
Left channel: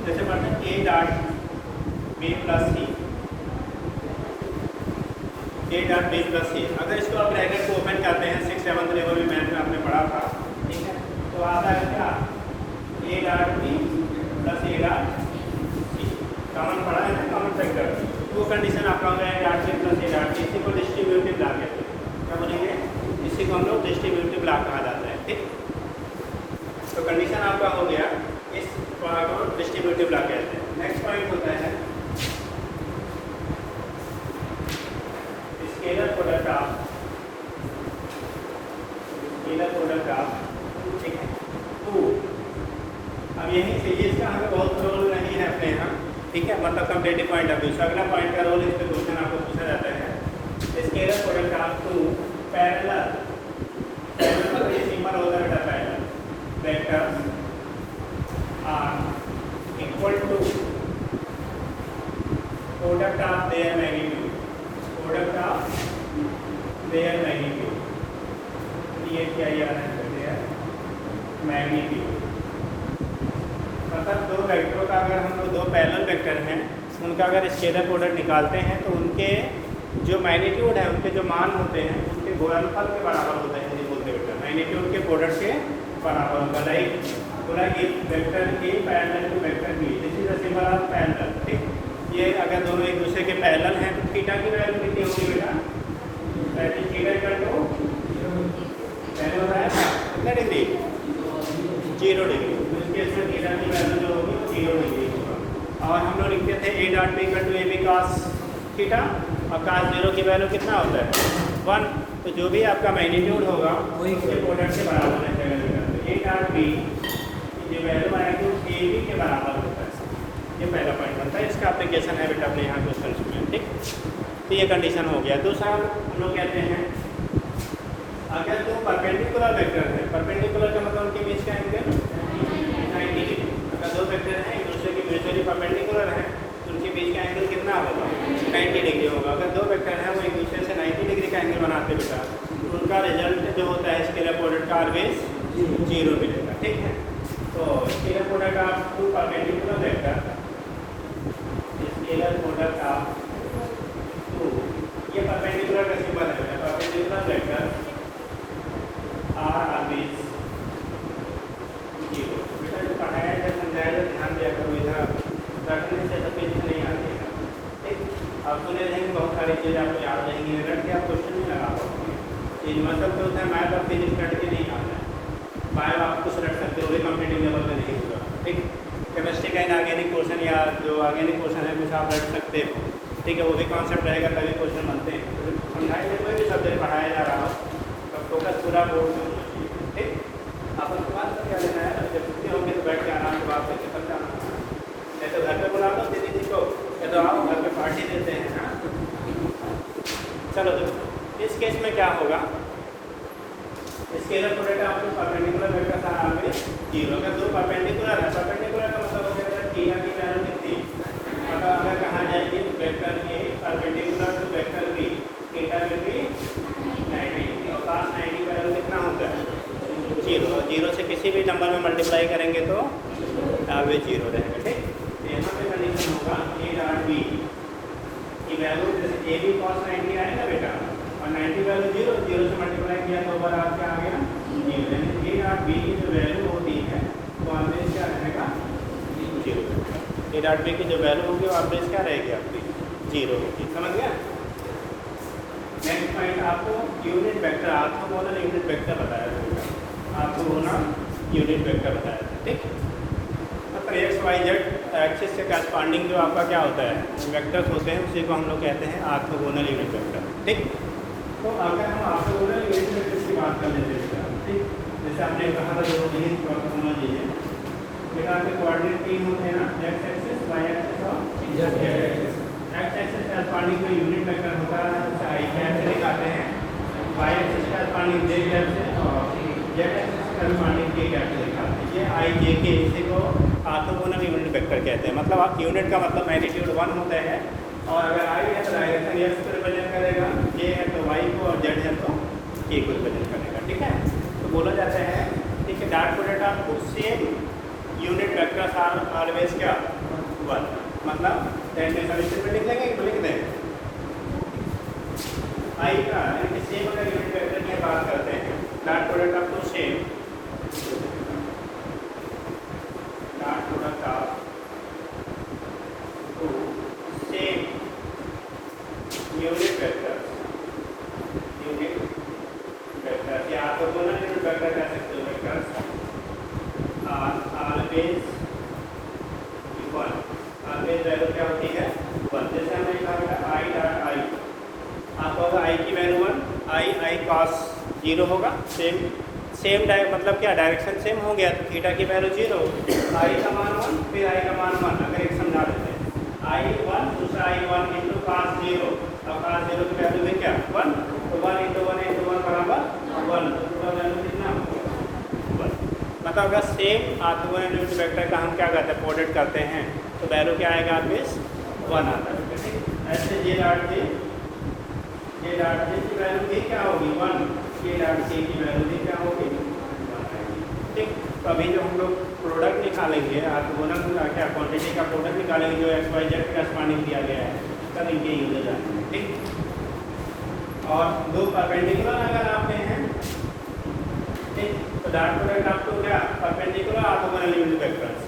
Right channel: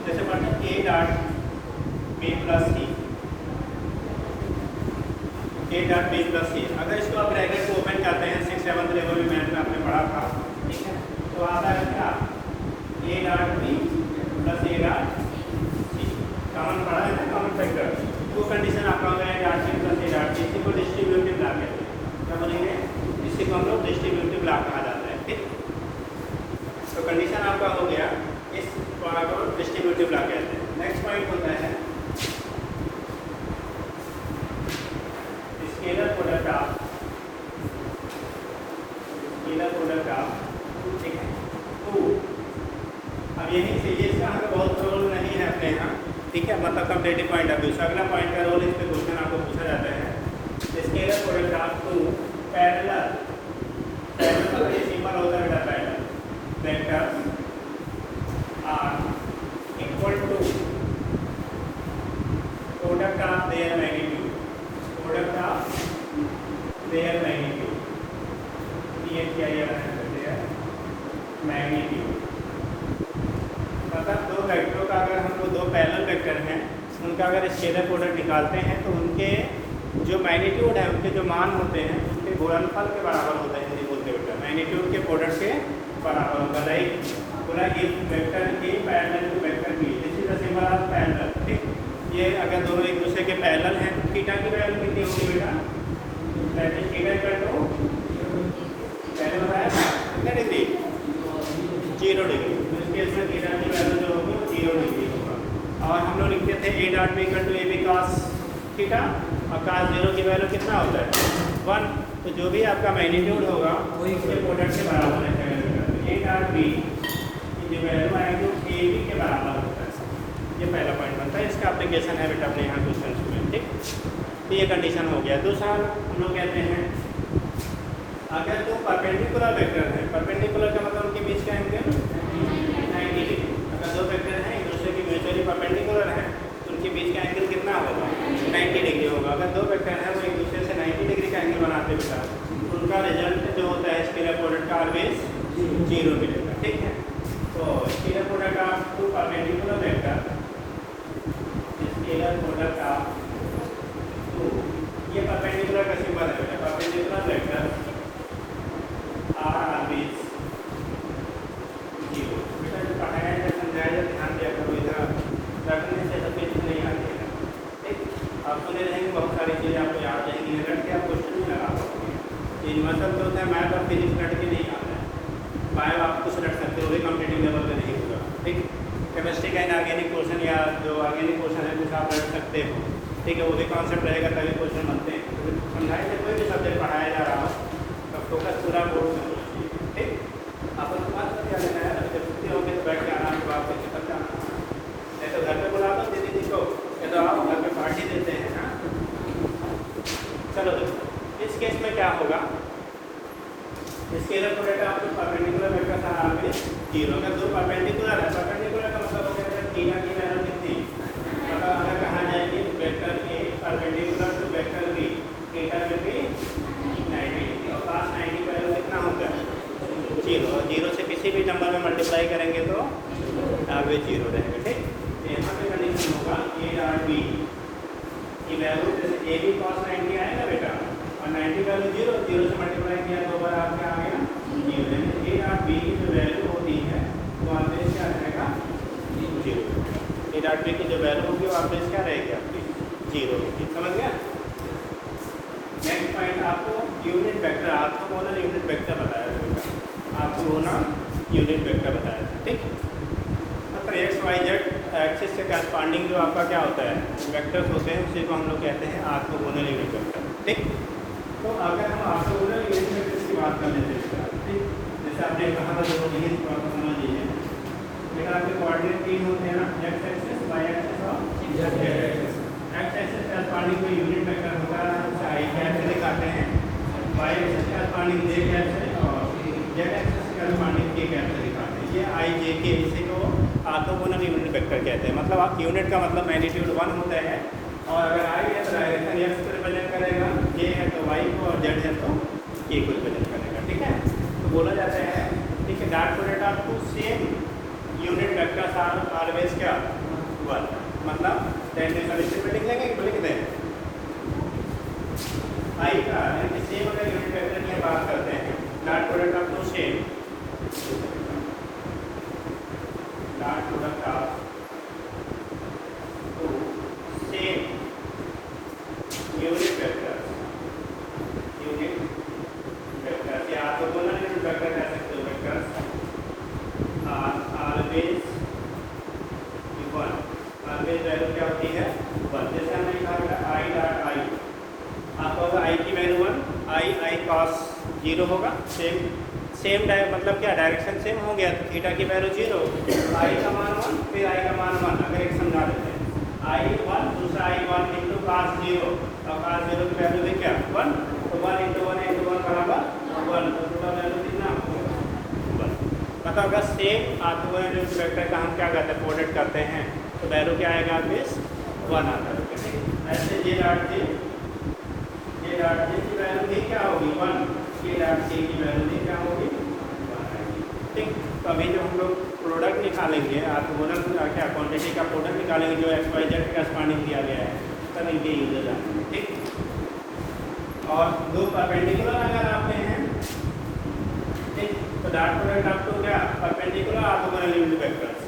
जैसे पढ़ते हैं A dot B plus C, A dot B plus C. अगर इसको आप ब्रैकेट को ओपन करते हैं 6th-7th लेवल में मैथ में आपने पढ़ा था, ठीक है, तो आता है क्या A dot B plus A dot C, common पढ़ा है ना, कॉमन फैक्टर। वो कंडीशन आपका होगा A dot B plus A dot C, इसी को डिस्ट्रीब्यूटिव लॉ कहते हैं। क्या बोलेंगे, इसी को हम लोग डिस्ट्रीब्यूटिव लॉ कहा जाता है, ठीक। तो कंडीशन आपका हो गया, इस पॉइंट को डिस्ट्रीब्यूटिव लॉ कहते हैं। नेक्स्ट पॉइंट होता है स्केलर प्रोडक्ट ऑफ, ठीक है, 2। अब यहीं से इसका हमें बहुत रोल नहीं है अपने यहाँ, ठीक है, मतलब कंप्लीटिव पॉइंट ऑफ व्यू से। अगला पॉइंट का रोल इसमें क्वेश्चन आपको पूछा जाता है, स्केलर प्रोडक्ट ऑफ 2 पैरेलल मतलब ये सिंपल होता है बेटा, parallel vector are equal to product of their magnitude, product of their magnitude, ये क्या है मैग्नीट्यूड। मतलब दो वेक्टरों का अगर हम लोग दो पैरेलल वेक्टर हैं, उनका अगर स्केलर प्रोडक्ट निकालते हैं तो उनके जो मैग्नीट्यूड है, उनके जो मान होते हैं, उनके गुणनफल के बराबर होते हैं। ये दो वेक्टर मैग्नीट्यूड के प्रोडक्ट के बराबर होगा, लाइक पूरा एक vector A parallel to vector B, this is the symbol of parallel, ठीक। ये अगर दोनों एक दूसरे के पैरेलल हैं तो थीटा की वैल्यू कितनी होगी बेटा, थीटा इक्वल टू पहले बताया था कितना डिग्री, 0 डिग्री। इस केस में थीटा की वैल्यू जो होगी 0 डिग्री होगा। और हम लोग लिखते थे A dot B equal to A B cos theta, और कॉस 0 की वैल्यू कितना होता है 1। तो जो भी आपका मैग्नीट्यूड होगा वही उसके प्रोडक्ट के बराबर रखेगा। ए डॉट बी जो वैल्यू आएगी ए बी के बराबर होता है। ये पहला पॉइंट बनता है, इसका एप्लीकेशन है बेटा अपने यहाँ क्वेश्चन, ठीक। तो ये कंडीशन हो गया। दूसरा हम लोग कहते हैं अगर तो परपेंडिकुलर वेक्टर है, परपेंडिकुलर का मतलब उनके बीच का एंगल 90 डिग्री। अगर दो वेक्टर हैं एक दूसरे की म्यूचुअली परपेंडिकुलर है, उनके बीच का एंगल कितना होगा 90 डिग्री होगा। अगर दो वेक्टर हैं वो एक दूसरे से 90 डिग्री का एंगल बनाते बेटा, तो उनका रिजल्ट जो होता है स्केलर प्रोडक्ट का ऑलवेज 0 मिलेगा, ठीक है। तो scalar product of 2 perpendicular vector, scalar product of 2, ये परपेंडिकुलर का सिंबल है बेटा, परपेंडिकुलर वेक्टर आर ऑलवेज 0। बेटा जो पढ़ाया जाए समझाया जाए ध्यान दिया करो, इधर रटने से तो कुछ नहीं आएगा, ठीक। आप सुने रहेंगे बहुत सारी चीज़ें आपको याद रहेंगी, रट के आप क्वेश्चन नहीं लगा पाओगे। ये मतलब तो होता है मैथ और फिजिक्स रट के नहीं आता है, बायो आप कुछ रट सकते हो, कॉम्पिटिटिव लेवल पर नहीं होगा, ठीक। केमिस्ट्री का इनऑर्गेनिक क्वेश्चन या जो ऑर्गेनिक क्वेश्चन है कुछ आप रट सकते हो, ठीक है, वो भी कॉन्सेप्ट रहेगा तभी क्वेश्चन बनते हैं। तो समझाए कोई भी सब्जेक्ट पढ़ाया जा रहा हो तो फोकस पूरा बोर्ड में, ठीक। आप उसके बाद क्या लेना है, जब छुट्टी होंगे तो बैठ के आराम से बात करके सब जाना, या तो घर पे बुला लो दीदी को, या तो आओ घर पे पार्टी देते हैं, हाँ। चलो तो इस केस में क्या होगा, स्केलर प्रोडक्ट आपको परपेंडिकुलर वेक्टर का ऑलवेज 0। अगर दो परपेंडिकुलर है, परपेंडिकुलर का मतलब हो गया थीटा की वैल्यू कितनी, अगर अगर कहा जाए कि vector A perpendicular to vector B, theta will be 90, और cos 90 वैल्यू कितना होता है 0। और 0 से किसी भी नंबर में मल्टीप्लाई करेंगे तो ऑलवेज 0 रहेगा, ठीक। तो यहाँ पे कंडीशन होगा ए डॉट बी की वैल्यू, जैसे ए बी cos 90 आएगा बेटा, और 90 वैल्यू 0 से मल्टीप्लाई किया तो ओवर आपका आ गया 0। यानी ए डॉट बी की जो वैल्यू होती है वो ऑलवेज क्या रहेगा 0। ए डॉट बी की जो वैल्यू होगी वो ऑलवेज क्या रहेगी आपकी 0, ठीक, समझ गया। नेक्स्ट पॉइंट आपको यूनिट वेक्टर, आपको बोला यूनिट वेक्टर बताया था, आपको बोलना यूनिट वेक्टर बताया था, ठीक। मतलब एक्स वाई जेड एक्सिस के करस्पॉन्डिंग जो आपका क्या होता है वेक्टर्स होते हैं, उसी को हम लोग कहते हैं ऑर्थोगोनल यूनिट वेक्टर, ठीक। तो अगर हम ऑर्थोगोनल यूनिट वेक्टर की बात कर लेते हैं, ठीक, जैसे आपने कहा था जो ऑर्थोगोनल ये बेटा आपके कोऑर्डिनेट 3 होते हैं ना, एक्स एक्सिस वाई एक्सिस और Z axis. X axis corresponding कोई यूनिट वेक्टर होता है, आई कैप से दिखाते हैं, वाई एक्सिस करस्पॉन्डिंग जे कैप से और जेड एक्सिस से करस्पॉन्डिंग के कैसे दिखाते हैं, ये आई जे के, इसी को ऑर्थोगोनल यूनिट वेक्टर कहते हैं। मतलब आप यूनिट का मतलब मैग्नीट्यूड 1 होता है, और अगर आई है तो डायरेक्शन एक्स को रिप्रेजेंट करेगा, ये है तो वाई को, और जेड है तो के को रिप्रेजेंट करेगा। ठीक है, तो बोला जाता है ठीक है डॉट प्रोडक्ट आपको same unit vectors are always क्या 1, मतलब टेंडेंशियल में लिख लेंगे कि लिख दें आई का यानी सेम अगर यूनिट वेक्टर की बात करते हैं, डॉट प्रोडक्ट आपको same dot product of two same unit vector या तो बोलना यूनिट वेक्टर का सकते हो वेक्टर्स ऑलवेज 1, ऑलवेज वैल्यू क्या होती है 1। जैसे हमने कहा बेटा आई डॉट आई, आपका होगा आई की वैल्यू 1, आई कॉस 0 होगा, सेम मतलब क्या डायरेक्शन सेम हो गया, तो थीटा की वैल्यू 0, आई का मान 1, फिर आई का मान 1। अगर एक समझा देते हैं आई 1 दूसरा आई 1 इंटू कॉस 0, और कॉस 0 की वैल्यू में क्या 1, तो 1 इंटू 1 बराबर 1, तो वैल्यू कितना 1। मतलब अगर सेम ऑर्थोगोनल यूनिट वेक्टर का हम क्या करते हैं प्रोडक्ट करते हैं, तो वैल्यू क्या आएगा ऑलवेज 1 आता है। ऐसे ये डॉट जे की वैल्यू भी क्या होगी 1, ये डॉट के की वैल्यू भी क्या होगी 1। ठीक, तो अभी जो हम लोग प्रोडक्ट निकालेंगे ऑर्थोगोनल को क्या क्वांटिटी का प्रोडक्ट निकालेंगे जो एक्स वाई जेड का करस्पॉन्डिंग दिया गया है, तब इनके यूज हो जाते हैं। ठीक, और दो परपेंडिकुलर अगर आपने हैं ठीक, तो डॉट प्रोडक्ट आपको क्या perpendicular orthogonal unit vectors,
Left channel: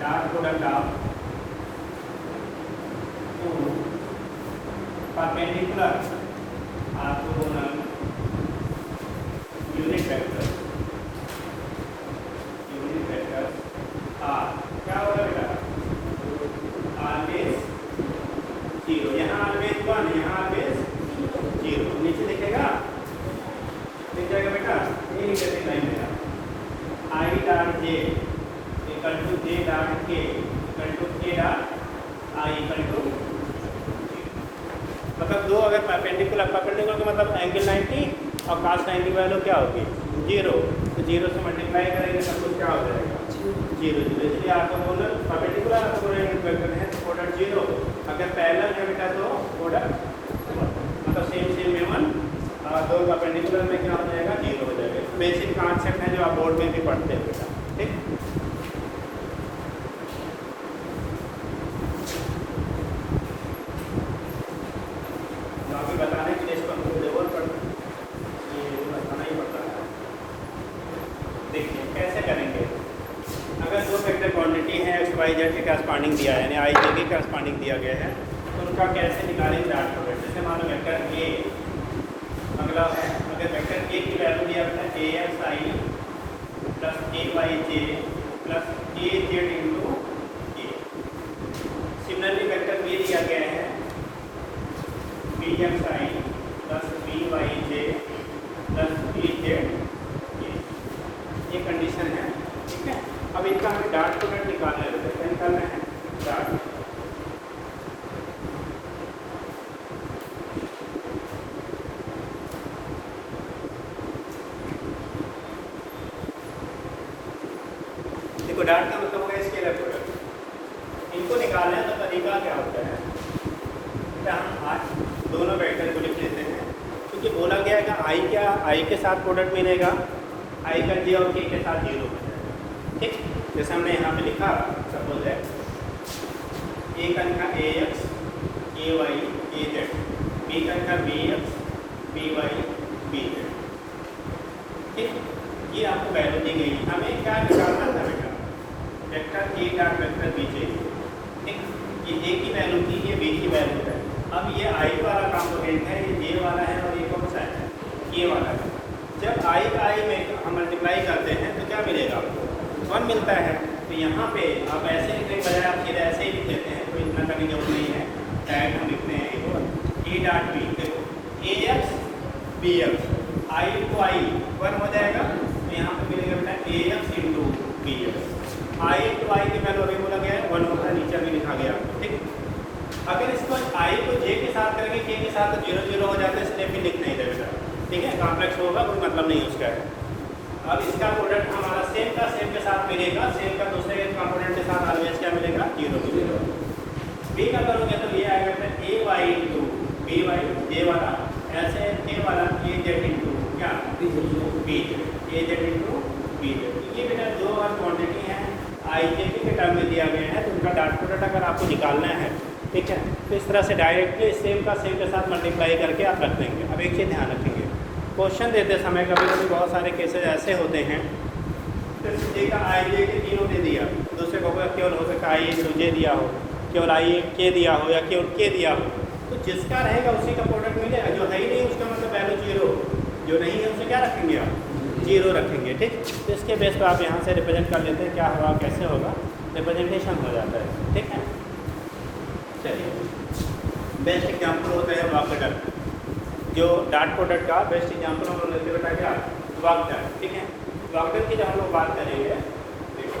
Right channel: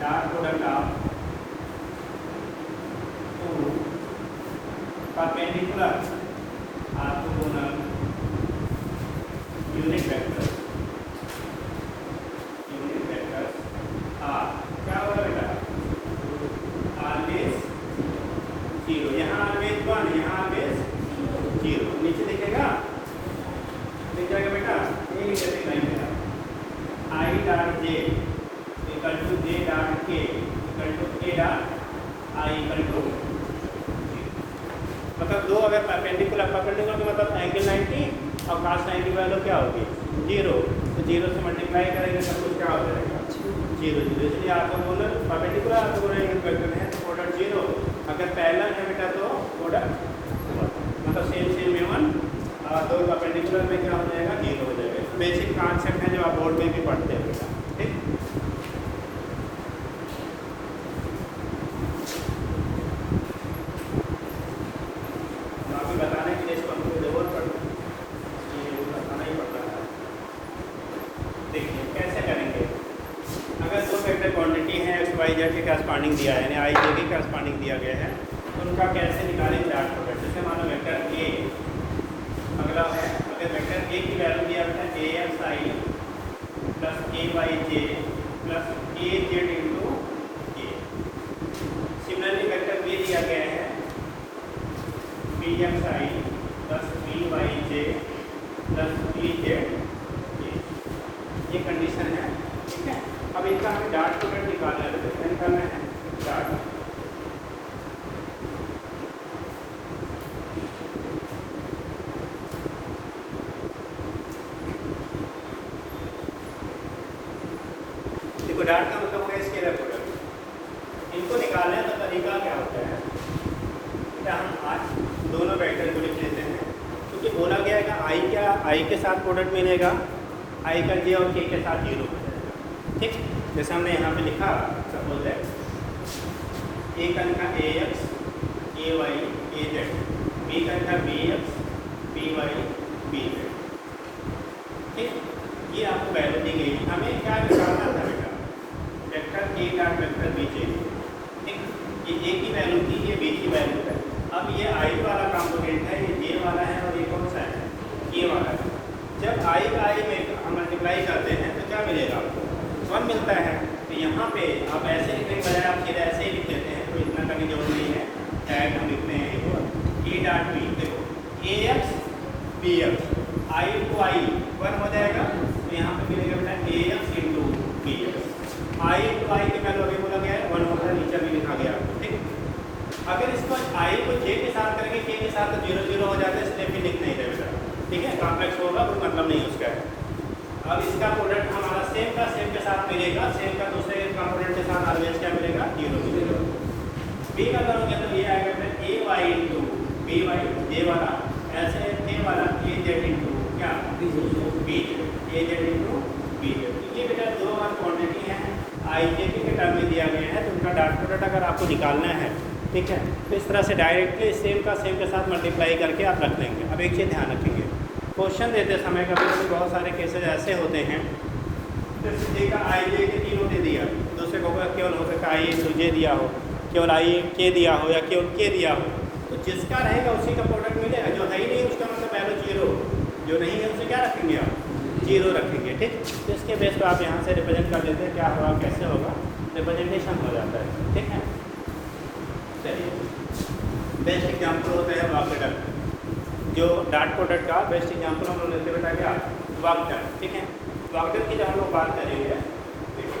dot product of perpendicular orthogonal unit vectors are क्या होगा बेटा ऑलवेज 0, यहाँ ऑलवेज 1, यहाँ ऑलवेज 0। नीचे लिखेगा लिख जाएगा बेटा, ये लिख देते हैं I dot J equal to J dot K equal to K dot I equal to, मतलब दो अगर परपेंडिकुलर का मतलब एंगल 90 और cos 90 वैल्यू क्या होगी 0, तो 0 से मल्टीप्लाई करेंगे सब कुछ क्या हो जाएगा 0 0। इसलिए आपको दोनों परपेंडिकुलर आपको है तो प्रोडक्ट 0, अगर पैरेलल है बेटा तो प्रोडक्ट मतलब सेम में 1, और दो परपेंडिकुलर में क्या हो जाएगा 0 हो जाएगा। बेसिक कॉन्सेप्ट है जो आप बोर्ड में भी पढ़ते हैं। ठीक, बताने के लिए इसको हमको लेवल पर बताना ही पड़ता है। देखिए कैसे करेंगे, अगर दो वेक्टर क्वांटिटी है एक्स वाई जेड के करस्पॉन्डिंग दिया है, यानी आई जे के करस्पॉन्डिंग दिया गया है, तो उनका कैसे निकालें डॉट प्रोडक्ट। जैसे मानो वेक्टर ए, अगला है अगर वेक्टर ए की वैल्यू दिया है ए एक्स आई प्लस ए वाई जे प्लस ए जेड इंटू ए। सिमिलरली वेक्टर बी दिया गया है बी एक्स आई प्लस बी वाई जे प्लस बी जेड, ये कंडीशन है। ठीक है, अब इनका हमें डॉट प्रोडक्ट निकालना है, तो क्या करना है डॉट देखो डॉट का मतलब होगा स्केलर प्रोडक्ट। इनको निकालना है तो तरीका क्या होता है, तो हम आज दोनों वेक्टर को लिख लेते हैं, क्योंकि बोला गया है कि आई क्या आई के साथ प्रोडक्ट मिलेगा, आई का जे और के साथ 0। ठीक, जैसे हमने यहाँ पे लिखा सपोज है ए का लिखा A X A Y A Z, B का लिखा B X B Y B Z. ठीक, ये आपको वैल्यू दी गई, हमें क्या निकालना था बेटा vector A dot vector B J. ठीक, ये ए की वैल्यू थी, ये बी की वैल्यू है। अब ये आई वाला कॉम्पोनेंट है, ये जे वाला है, और ये कौन सा है ये वाला है। जब आई का आई में हम मल्टीप्लाई करते हैं तो क्या मिलेगा 1 मिलता है। तो यहाँ पे आप ऐसे लिखने बजाय आप सीधे ऐसे ही लिख देते हैं, तो इतना का भी जरूरत नहीं है, डायरेक्ट हम लिखते हैं ए डॉट बी। देखो A X B X I to I 1 हो जाएगा, तो यहाँ पर मिलेगा बेटा A X into B X. I to I की वैल्यू अभी बोला गया है 1 होगा, नीचे भी लिखा गया। ठीक, अगर इसको आई को जे के साथ करेंगे के के साथ तो 0 0 हो जाता है, इसलिए भी लिख नहीं देगा। ठीक है, कॉम्प्लेक्स होगा तो मतलब नहीं उसका है। सेम के साथ मिलेगा, सेम का दूसरे कंपोनेंट के साथ ऑलवेज क्या मिलेगा, 0 मिलेगा। बी का करोगे तो ये आएगा अपने ए वाई इंटू बी वाई ए वाला, ऐसे ए वाला ए जेड इंटू क्या बी ए जेड इंटू बी जेड। ये बेटा दो बार क्वांटिटी है आई जे के टर्म में दिया गया है, तो उनका डॉट प्रोडक्ट अगर आपको निकालना है, ठीक है, तो इस तरह से डायरेक्टली सेम का सेम के साथ मल्टीप्लाई करके आप रख देंगे। अब एक चीज़ ध्यान रखेंगे, क्वेश्चन देते समय कभी कभी बहुत सारे केसेज ऐसे होते हैं, तो सी का आई जे के तीनों दे दिया, दूसरे को केवल हो सकता आई ए दिया हो, केवल आई ए के दिया हो, या केवल के दिया हो, तो जिसका रहेगा उसी का प्रोडक्ट मिलेगा। जो है ही नहीं उसका मतलब वैल्यू 0, जो नहीं है उससे क्या रखेंगे आप, 0 रखेंगे। ठीक, तो इसके बेस पर आप यहाँ से रिप्रेजेंट कर लेते हैं, क्या होगा कैसे होगा, रिप्रेजेंटेशन हो जाता है। ठीक है, चलिए बेस्ट एग्जाम्पल होता है वाक्य, जो डॉट प्रोडक्ट का बेस्ट एग्जाम्पल हम लोग लेते बेटा क्या, वाक्य। ठीक है, वाक्य की जब हम लोग बात करेंगे, देखो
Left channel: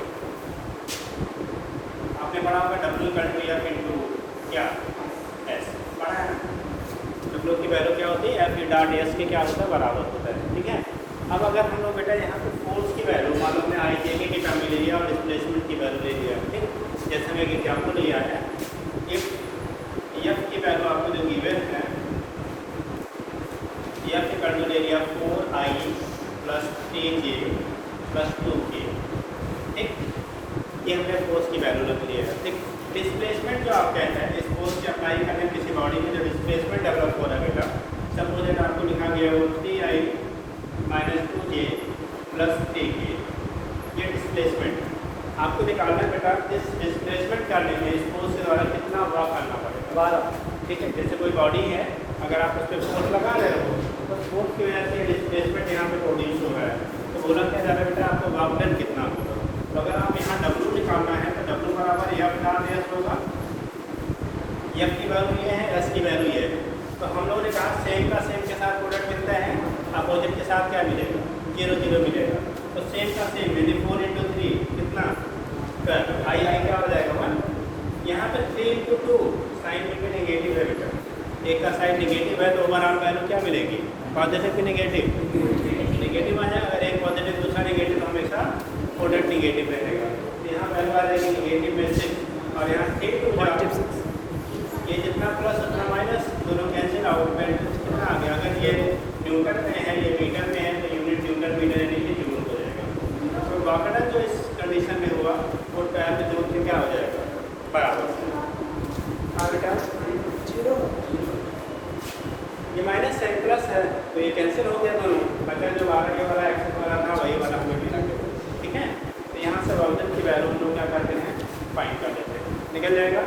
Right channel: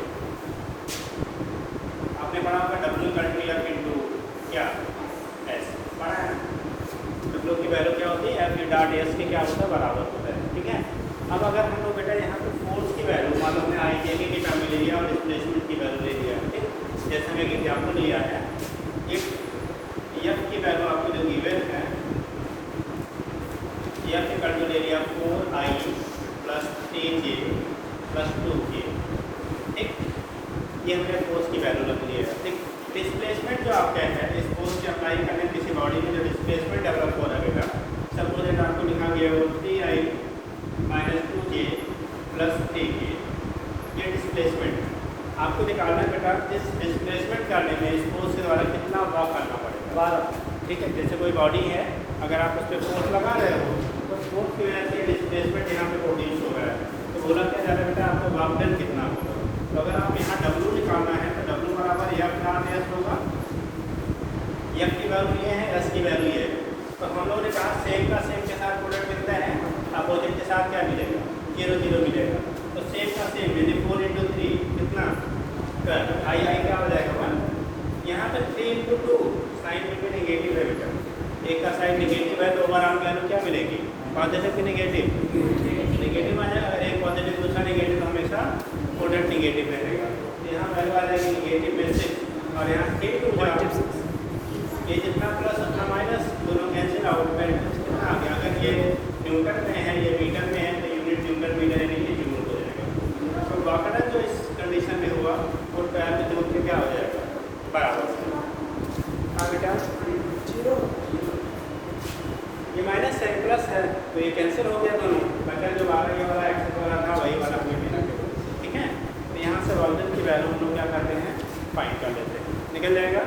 आपने पढ़ा होगा डब्ल्यू कंट्रोल एफ इंटू क्या एस, पढ़ा है। डब्ल्यू की वैल्यू क्या होती है, एफ डॉट एस के क्या होता है, बराबर होता है। ठीक है, अब अगर हम लोग बेटा यहाँ पे फोर्स की वैल्यू मान लो हमने आई के लिए की टर्म ले लिया और डिस्प्लेसमेंट की वैल्यू ले लिया, ठीक, जैसे मैं एक एग्जाम्पल लिया है, एफ की वैल्यू आपको जो गिवन है, एफ की वैल्यू ले लिया 4i plus aj plus 2k। ठीक, ये हमने फोर्स की वैल्यू रख ली है। ठीक, डिस्प्लेसमेंट जो आप कहते हैं, इस फोर्स की अप्लाई करने किसी बॉडी में जो डिस्प्लेसमेंट डेवलप हो रहा है बेटा, सपोज आपको लिखा गया वो 3i minus 2k plus 3k, ये डिस्प्लेसमेंट आपको निकालना है बेटा। इस डिस्प्लेसमेंट करने में इस फोर्स के द्वारा कितना वर्क करना पड़ेगा, 12। ठीक है, जैसे कोई बॉडी है, अगर आप उस पर फोर्स लगा रहे हो तो फोर्स की वजह से डिस्प्लेसमेंट यहाँ पे प्रोड्यूस हो रहा है, तो बोला क्या जा रहा है बेटा आपको वर्क डन कितना होगा। तो अगर आप यहाँ W निकालना है तो W बराबर एफ डॉट एस होगा, एफ की वैल्यू ये है, एस की वैल्यू ये है। तो हम लोगों ने कहा सेम का सेम के साथ प्रोडक्ट मिलता है, अपोजिट के साथ क्या मिलेगा, 0 0 मिलेगा। तो सेम का सेम यदि 4 इंटू 3 कितना, तो आई क्या हो जाएगा 1। यहाँ पर 3 इंटू 2 साइन में नेगेटिव है बेटा, एक का साइन नेगेटिव है तो ओवरऑल वैल्यू क्या मिलेगी, पॉजिटिव की नेगेटिव आ जाएगा। अगर एक पॉजिटिव दूसरा नेगेटिव, हमेशा प्रोडक्ट नेगेटिव रहेगा। यहाँ वैल्यू आ जाएगी नेगेटिव में से, और यहाँ 3 टू 6 ये जितना प्लस उतना माइनस, दोनों कैंसिल आउट में कितना आ गया। अगर ये न्यूटन में है, ये मीटर में है, तो unit newton metre unit unit हो जाएगा। तो वाकई जो इस कंडीशन में हुआ वो पैर में जो क्या हो जाएगा, बराबर बेटा 0। ये माइनस साइन प्लस है तो ये कैंसिल हो गया दोनों, बचा जो 12 के वाला एक्सेस वाला था वही वाला अपने मिला के। ठीक है, तो यहाँ से ऑब्जेक्ट की वैल्यू हम लोग क्या करते हैं, फाइंड कर लेते हैं, निकल जाएगा।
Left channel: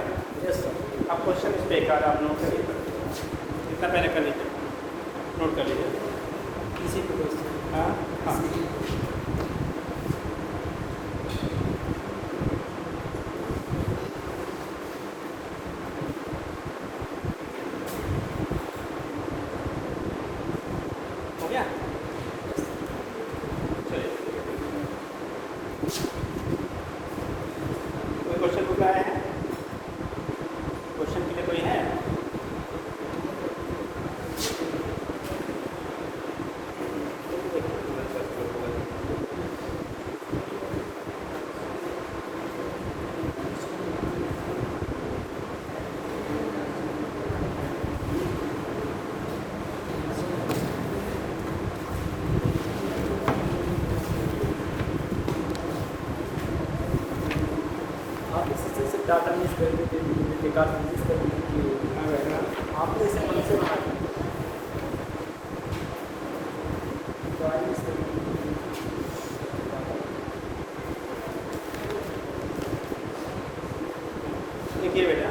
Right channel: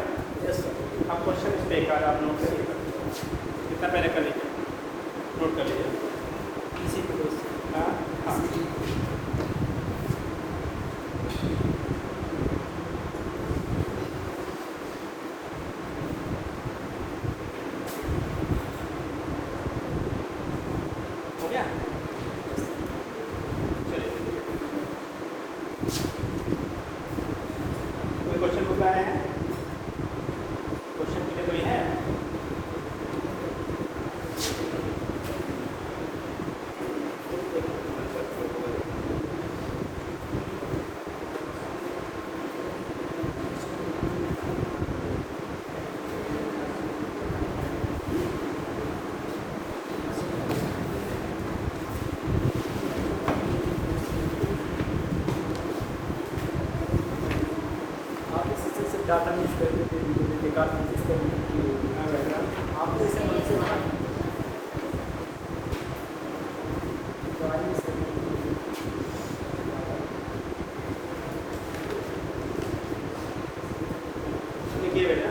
Yes sir. अब क्वेश्चन इस पे एक बार आप नोट कितना पहले कर लीजिए, नोट कर लीजिए किसी को। हाँ हो गया, चलिए कोई क्वेश्चन पूछा है, क्वेश्चन की कोई है? आप इसी से डाटा मिस करके डाटा मिस करके आपने इसे मन से बनाया, तो आइए इस देखिए बेटा,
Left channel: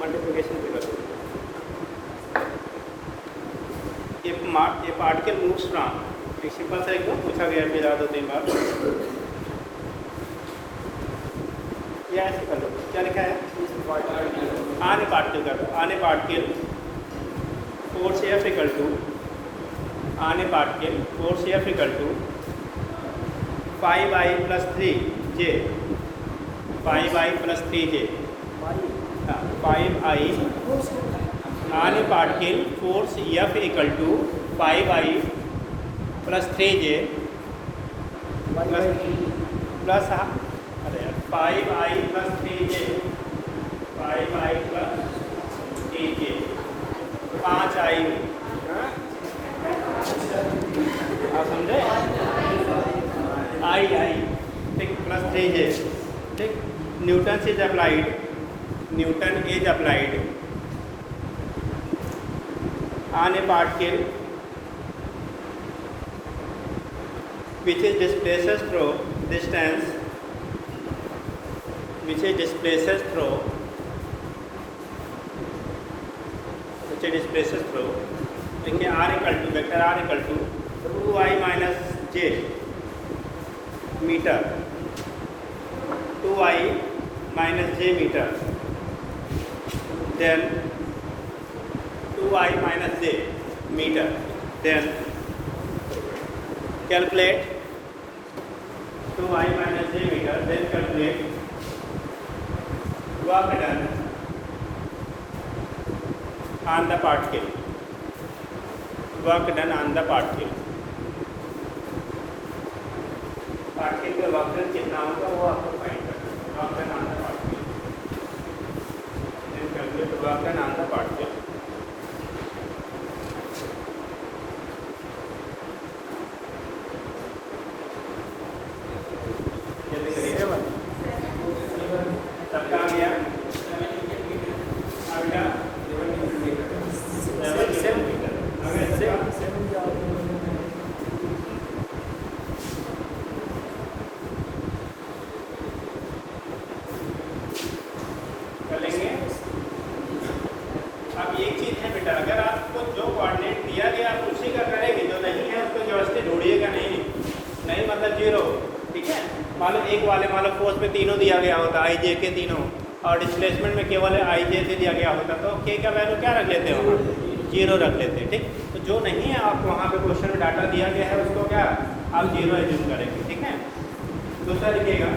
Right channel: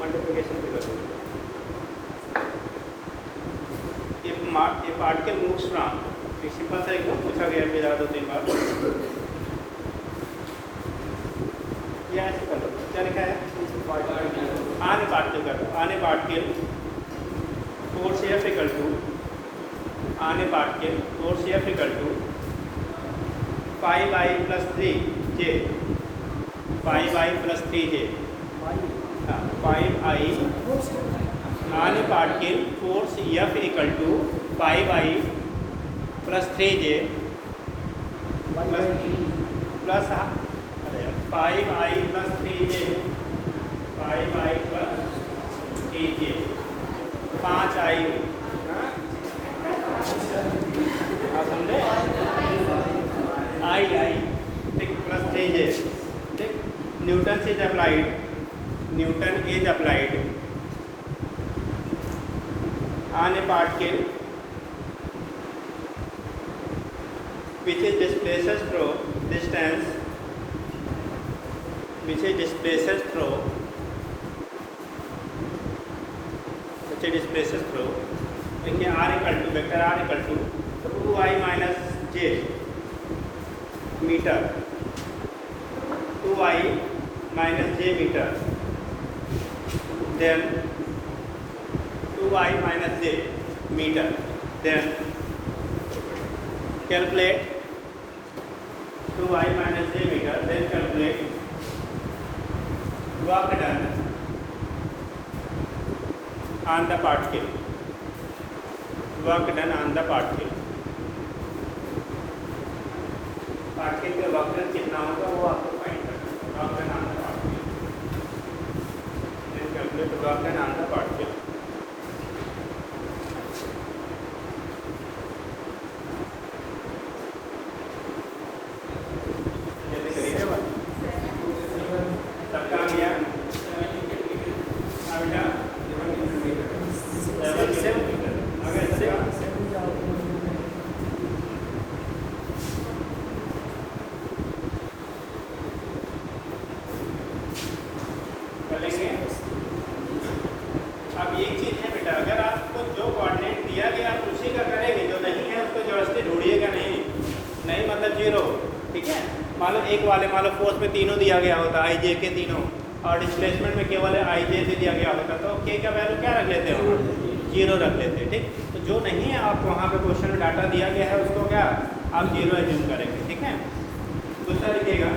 मल्टीप्लिकेशन से करो, ये पार्टिकल मूव्स फ्रॉम, एक सिंपल सा एक पूछा गया है, याद होते हैं बात, या ऐसे करो, क्या लिखा है, आने पार्टिकल करो, on a particle force F equal to, on a particle force F equal to 5i plus 3j, 5i plus 3j, 5i on a particle force F equal to 5I plus 3J plus 5I plus 3J 5I plus 3J 5I समझे I ठीक plus 3J ठीक newton is applied on a particle which is displaces through distance which is displaces through देखिए r equal to vector r equal to 2I minus j metre 2I minus j metre then 2I minus j metre then calculate 2I minus j meter, then calculate work done on the particle. Particle का work done कितना होगा वो आपको find करना है. Work done on the particle. Then calculate work done on the particle. सबका आ गया चलेंगे. अब ये चीज़ है बेटा, अगर आपको जो कोऑर्डिनेट दिया गया आप उसी का करेंगे, जो नहीं है उसको जबरदस्ती ढूंढिएगा नहीं मतलब जीरो. ठीक है, मान लो फोर्स में तीनों दिया गया होता I J के तीनों और डिस्प्लेसमेंट में केवल I J से दिया गया होता तो K का वैल्यू क्या रख लेते हो, जीरो रख लेते हैं. ठीक, तो जो नहीं है आप वहाँ पे क्वेश्चन में डाटा दिया गया है उसको क्या आप जीरो यूज करेंगे. ठीक है, दूसरा लिखिएगा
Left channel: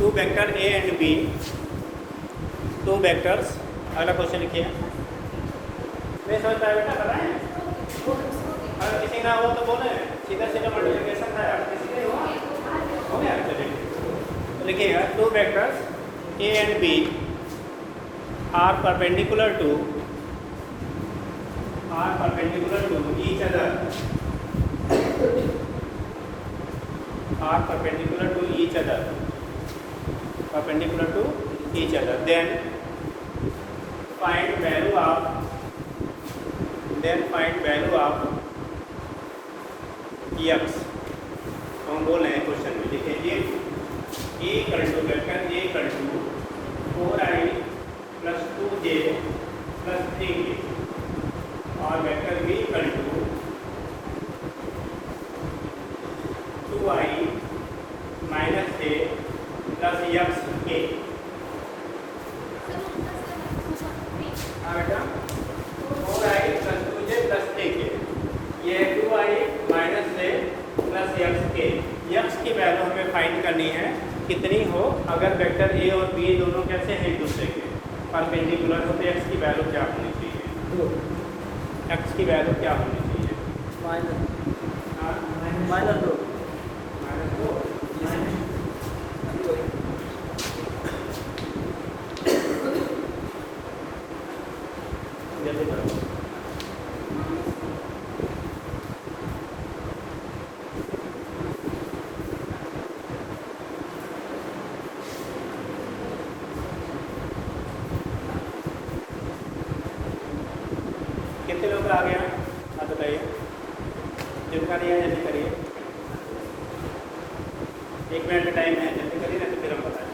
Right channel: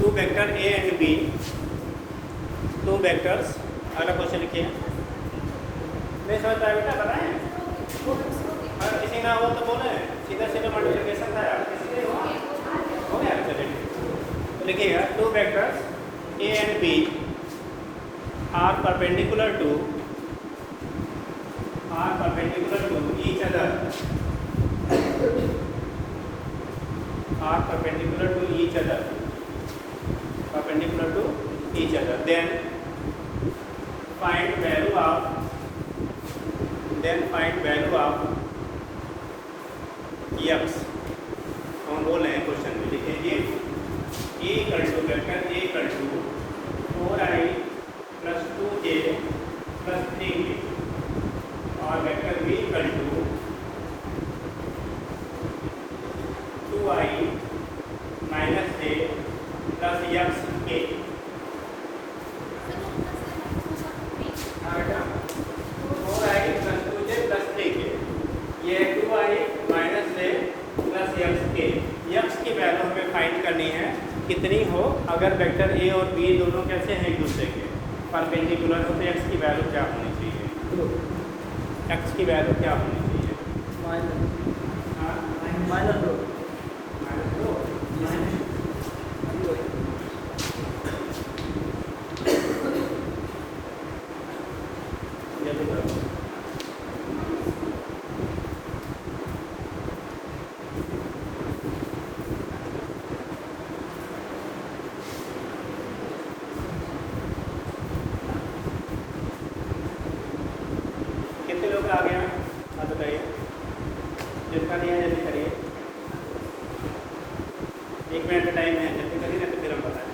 2 vector A and B 2 vectors. अगला क्वेश्चन लिखिए. मैं समझ रहा बेटा बताएं किसी ना हो तो बोले सीधा मल्टीप्लिकेशन लिखिएगा 2 vectors A and B are perpendicular to each other. Then find value of x. हम बोल रहे हैं क्वेश्चन में लिखेंगे A equal to vector A equal to 4I plus 2J plus 3K और vector B equal to 2I minus J plus XK. बेटा 4I plus 2J plus 3K ये 2I minus J plus XK. x की वैल्यू हमें find करनी है कितनी हो अगर वेक्टर A और B दोनों कैसे हैं एक दूसरे के परपेंडिकुलर हो तो x की वैल्यू क्या होनी चाहिए. x की वैल्यू क्या होनी चाहिए माइनस 2. कितने लोग आ गए हैं आप बताइए. जिनका नहीं है जल्दी करिए. 1 मिनट का टाइम है, जल्दी करिए ना तो फिर हम बताएं.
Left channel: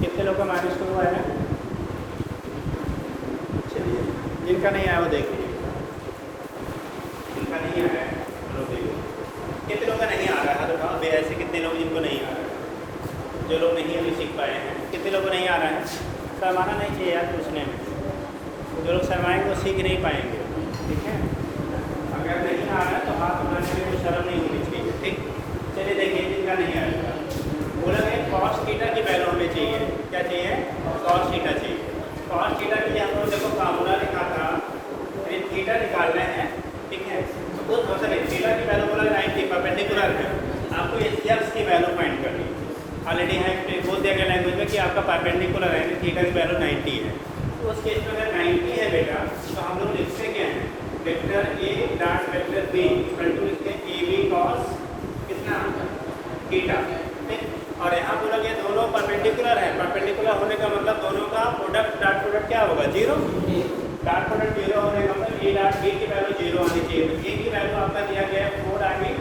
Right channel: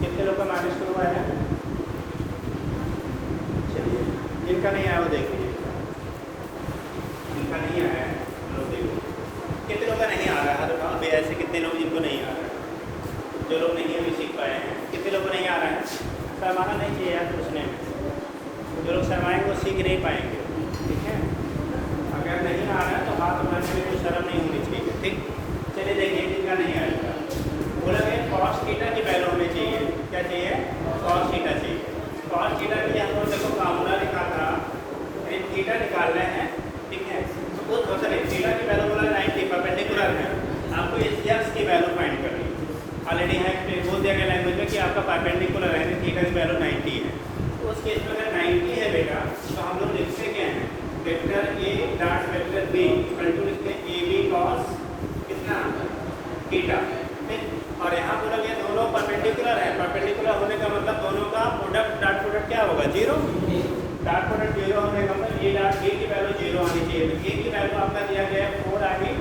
कितने लोग का माइनस हुआ है. चलिए कितने लोग जिनको नहीं आ रहा है, जो लोग नहीं सीख पाए हैं, कितने लोग को नहीं आ रहा है, सरमाना नहीं चाहिए यार पूछने में, जो लोग सरमाएंगे वो सीख नहीं पाएंगे, ठीक है। अगर नहीं आ रहा है तो आप हमारे लिए कुछ शर्म नहीं होनी चाहिए, ठीक। चलिए देखिए कितना नहीं आएगा, बोला कि कॉस थीटा की वैल्यू होनी चाहिए, क्या चाहिए, कॉस थीटा चाहिए। कॉस थीटा के लिए हम लोग देखो फार्मूला लिखा था, थीटा निकालना है, ठीक है। तो उस थीटा की वैल्यू बोला 90 परपेंडिकुलर में आपको इस एक्स की वैल्यू फाइंड करनी है। ऑलरेडी है बोल दिया गया लैंग्वेज में कि आपका परपेंडिकुलर है, थीटा की वैल्यू 90 है। तो उस केस में अगर 90 है बेटा तो हम लोग लिखते क्या है, vector A dot vector B equal to लिखते हैं ए बी कॉस कितना थीटा, ठीक। और यहाँ बोला गया दोनों परपेंडिकुलर है, परपेंडिकुलर होने का मतलब दोनों का प्रोडक्ट डॉट प्रोडक्ट क्या होगा, जीरो। डॉट प्रोडक्ट जीरो होने का मतलब ए डॉट ए की वैल्यू जीरो आनी चाहिए। ए की वैल्यू आपका दिया गया 4 आएगी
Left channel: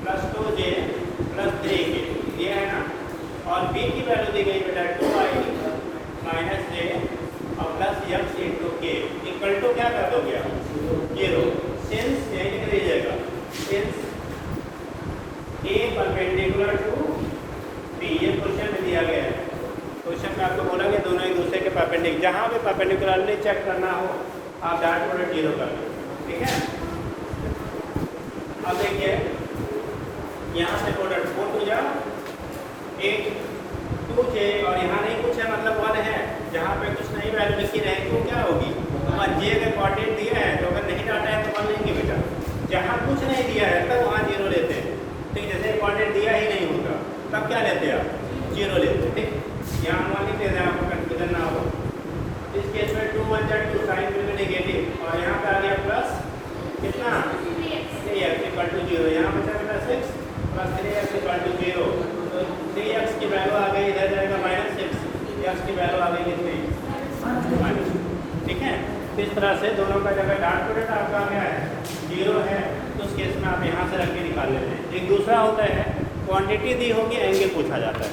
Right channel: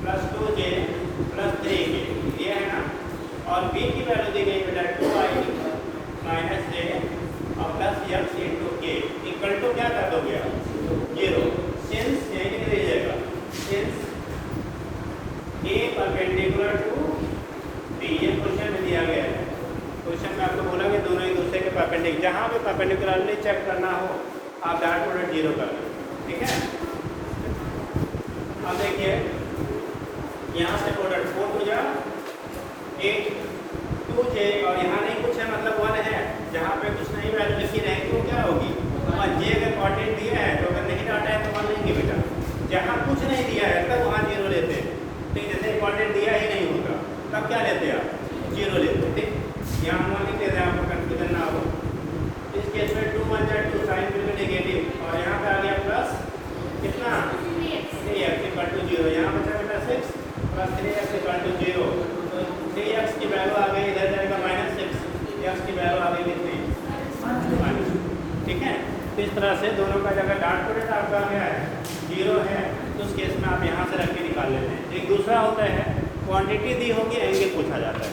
प्लस 2j प्लस 3 ये है ना, और बी की वैल्यू दी गई बेटा 2 आएगी माइनस j और plus x into K equal to क्या कर दोगे आप, जीरो। सिंस ये कितने दीजिएगा, since A perpendicular to B, ये क्वेश्चन में दिया गया है। क्वेश्चन में आपको बोला कि दोनों एक दूसरे के परपेंडिकुलर, जहाँ पे परपेंडिकुलरली चेक करना हो आप डॉट प्रोडक्ट जीरो कर दो, ठीक है। अब देखिए यहाँ से प्रोडक्ट 4 हो जाओ 8 2j और यहाँ नहीं कुछ है मतलब 1 है, जहाँ पे कुछ नहीं वैल्यू बेसी है तो क्या होगी, और जे अगर कोऑर्डिनेट दिया है तो अगर नहीं काटा है तो 1 लेंगे बेटा, जहाँ कुछ नहीं दिया है तब वहाँ जीरो लेते हैं, तो जैसे कोऑर्डिनेट दिया ही नहीं होगा तब क्या लेते हैं आप, जीरो लेते हैं, ठीक। यहाँ हम लिख देते हैं आपको कंफ्यूजन ना हो। इस केस में 2 1 2 साइन बिल्कुल नेगेटिव और यहाँ पे आ गया प्लस कितना 3x इक्वल टू 0, यहाँ पे चला 6 प्लस 3x इक्वल टू 0, तो 3x की वैल्यू आ गई इधर जाएगा माइनस 6, x की वैल्यू आ गई कितनी, ठीक है। तो इस तरह से दोनों का जगह डॉट प्रोडक्ट आपका क्या है, 0 है, तो उस केस में आप यहाँ से रख के निकाल लेते हैं। एक दूसरा होता है क्वांटिटी दी होगी एंगल पूछा जाता है,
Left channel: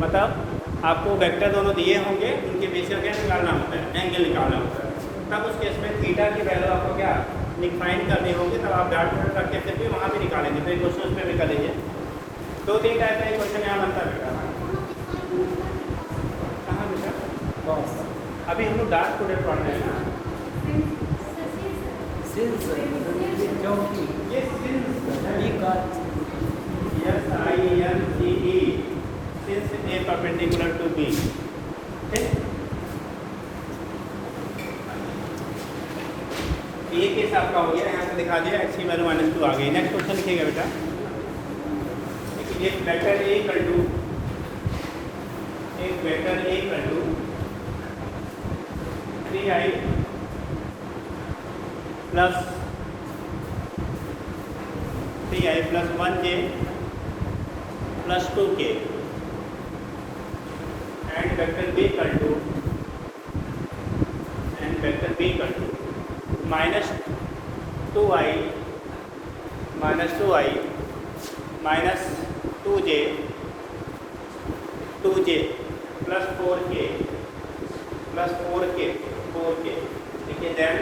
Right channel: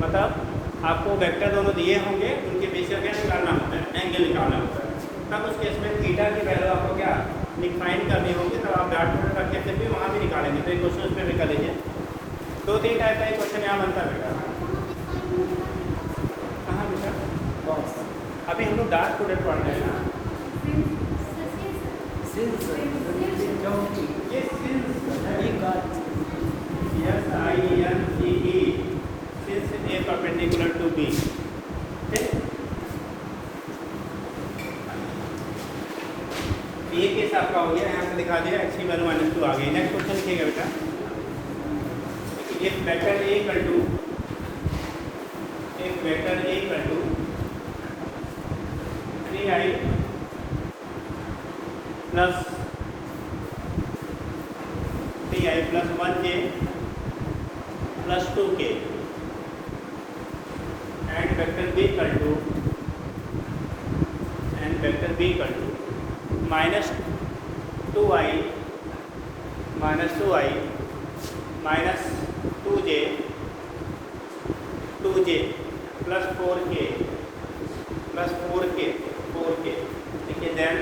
मतलब आपको वेक्टर दोनों दिए होंगे उनके बीच का क्या निकालना होता है, एंगल निकालना होता है। तब उस केस में थीटा की वैल्यू आपको क्या फाइंड करनी होगी, तब आप डॉट प्रोडक्ट करके फिर भी वहाँ भी निकालेंगे। तो एक क्वेश्चन उस पर भी कर लीजिए, 2-3 टाइप का क्वेश्चन यहाँ बनता है। कहाँ बनता है, अभी हम लोग डॉट प्रोडक्ट पढ़ रहे हैं ना, ये since A perpendicular to B, ठीक। ये केस आपका हो गया, यहाँ पे दिखा दिया एक्स की वैल्यू -2 आ गई। नेक्स्ट क्वेश्चन लिखिएगा बेटा, एक vector A equal to 3i plus 1j plus 2k and vector b equal to minus 2i minus 2j plus 4k देखिए then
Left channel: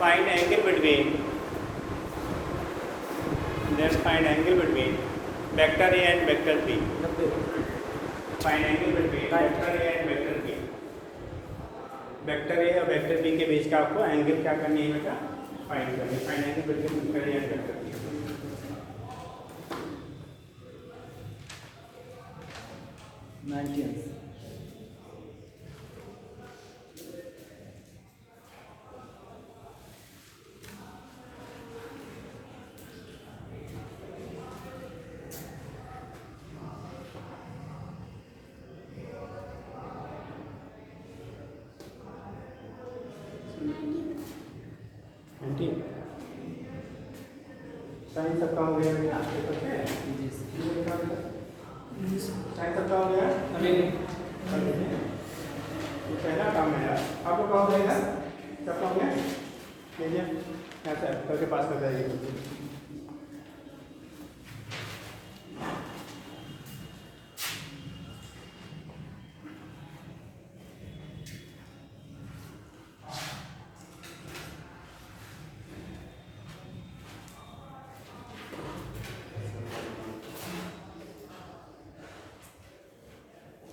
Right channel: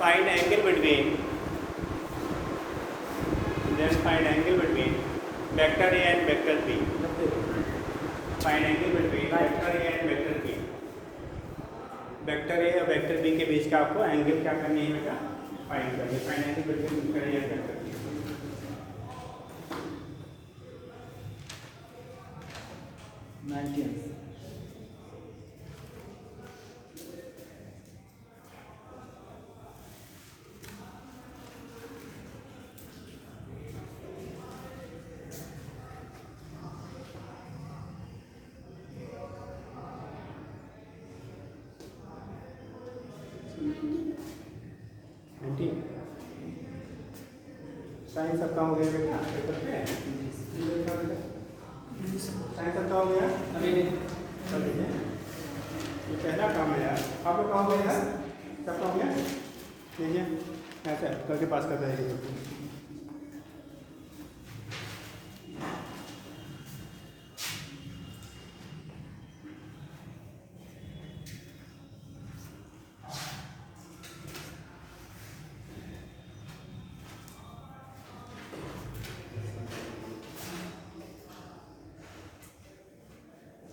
find angle between vector A and vector B, find angle between vector A and vector B, vector A और vector B के बीच का आपको angle क्या करनी है बेटा, find करनी है। Find angle between vector A and vector B, 19 sign सबका हो गया बेटा, साइन सबका हो गया, पहला काम है यार, आपको कहा हो गया, सबका हो गया, ठीक है, ऐसा करके पास कर जाएगी।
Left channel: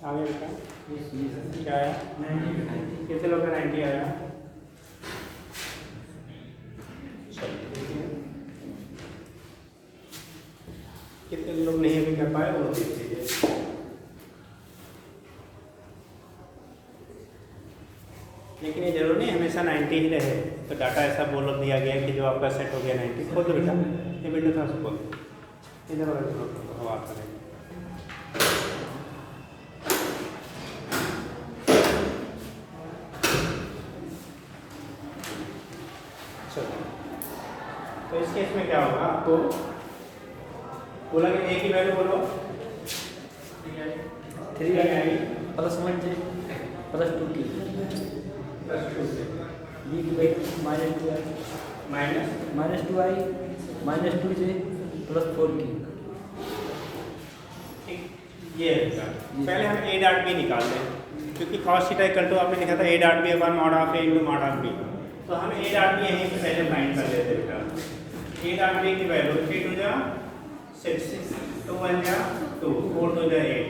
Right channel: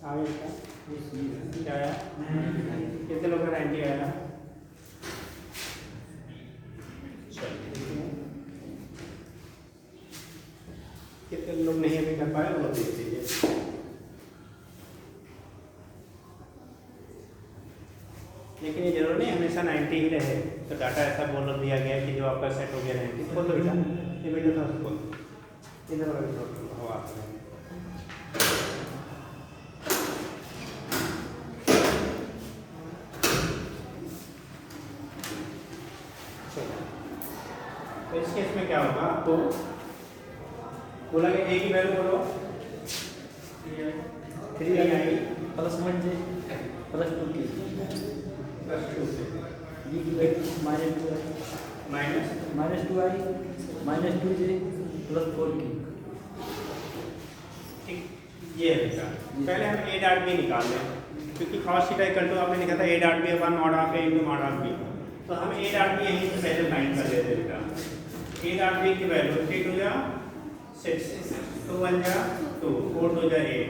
आगे बेटा क्या आया? कितने लोग का 90 आएगा? कितने लोग नहीं अभी कर पाए वो देख लीजिए। लेकिन ये जरूर नहीं हमेशा 90 ही रहे, तो डाटा ऐसा बोल दिया गया कि जो आपका सेट हो गया 90। खोल दो बेटा, ये विंडो था उसको इधर वाला खोल हवा आ गया। चलो तो इस केस में क्या होगा, आपको बोला कि ए की वैल्यू बोलो 3 आई प्लस 1 से प्लस 2 की प्लस 2 से बी की वैल्यू माइनस 2 आई माइनस 2 आई माइनस 2 से प्लस 4 की। ठीक ये है बेटा। पहले हम ए डॉट बी निकाल लें, क्योंकि कॉस थीटा इक्वल टू आपने लिखा था A dot B upon mod of A into mod of B, तो हम ए डॉट बी यहीं पे पहले फाइंड कर लेते हैं बेटा। ए डॉट बी की वैल्यू 3 2 जा 6 2 1 जा 2 4 2 जा 8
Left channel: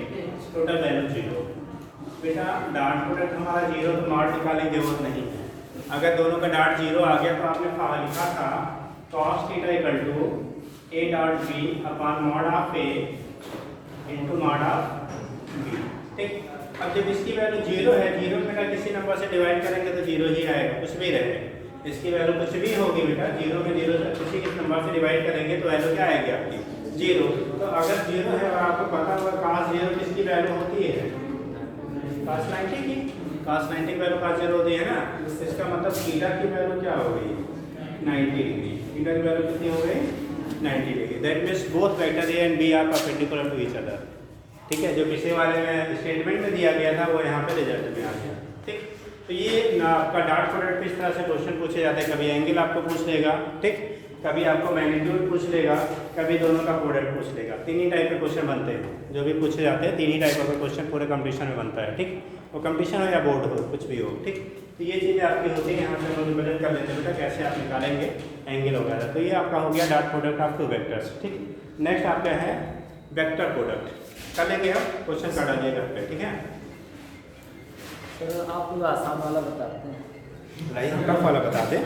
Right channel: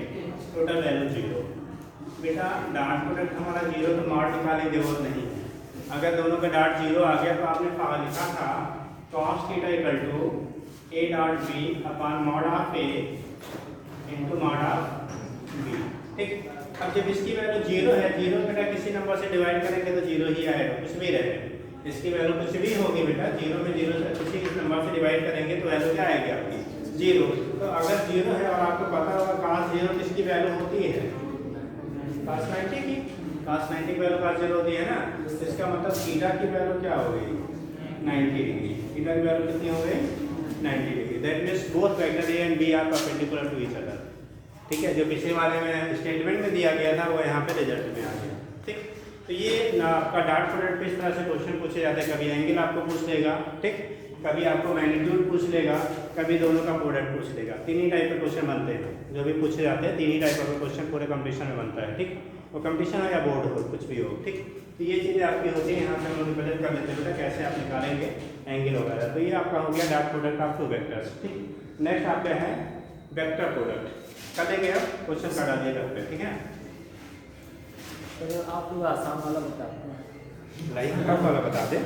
टोटल वैल्यू 0। बेटा डॉट प्रोडक्ट हमारा 0 तो मॉड निकालने की जरूरत नहीं है। अगर दोनों का डॉट 0 आ गया तो आपने लिखा था cos theta equal to A dot B upon mod of A into mod of B. ठीक, अब जब इसकी वैल्यू 0 है, 0 में का किसी नंबर से डिवाइड करेंगे तो 0 ही आएगा, कुछ भी रहे। इसकी वैल्यू कुछ भी होगी बेटा, 0 में 0 से किसी नंबर से डिवाइड करेंगे तो वैल्यू क्या आएगी आपकी 0। तो अगर 0 है और आपको पता होगा cos 0 किसकी वैल्यू होती है, cos 90 की। cos 90 की वैल्यू cos 0 होती है ना, इसका मतलब थीटा की वैल्यू क्या हो गई 90 डिग्री। थीटा की वैल्यू कितनी हो गई 90 degree. That means both vector A and B are perpendicular to each other. ठीक है, जो पिछले वाले में स्टेटमेंट में दिया गया था वो यहाँ पे रिजल्ट में आ गया। ठीक, तो ये ना आपका डॉट प्रोडक्ट पे इस तरह से क्वेश्चन पूछे जाते हैं। कभी एंगल आपको पूछ लेगा, ठीक, कभी आपको मैग्नीट्यूड पूछ लेगा, कभी दोनों का प्रोडक्ट पूछ लेगा। तीन ही टाइप के क्वेश्चन बनते हैं जो भी पूछे जाते हैं, तीन ही टाइप का क्वेश्चन पूरे कंपटीशन में बनता है। ठीक, वो कंपटीशन हो या बोर्ड हो, कुछ भी हो। ठीक, तो ये चीज़ें आपकी होती हैं। यहाँ से हम रिप्रेजेंट कर लेते हैं बेटा कैसे आप निकालेंगे एंगल वगैरह। तो ये आपका हो गया dot product of two vectors. ठीक, नेक्स्ट आपका है वेक्टर प्रोडक्ट। कर लेंगे हम क्वेश्चन का डालिए रख पे, ठीक है। सर आप लोग आसान वाला बताते हैं, टफ वाला बता दे,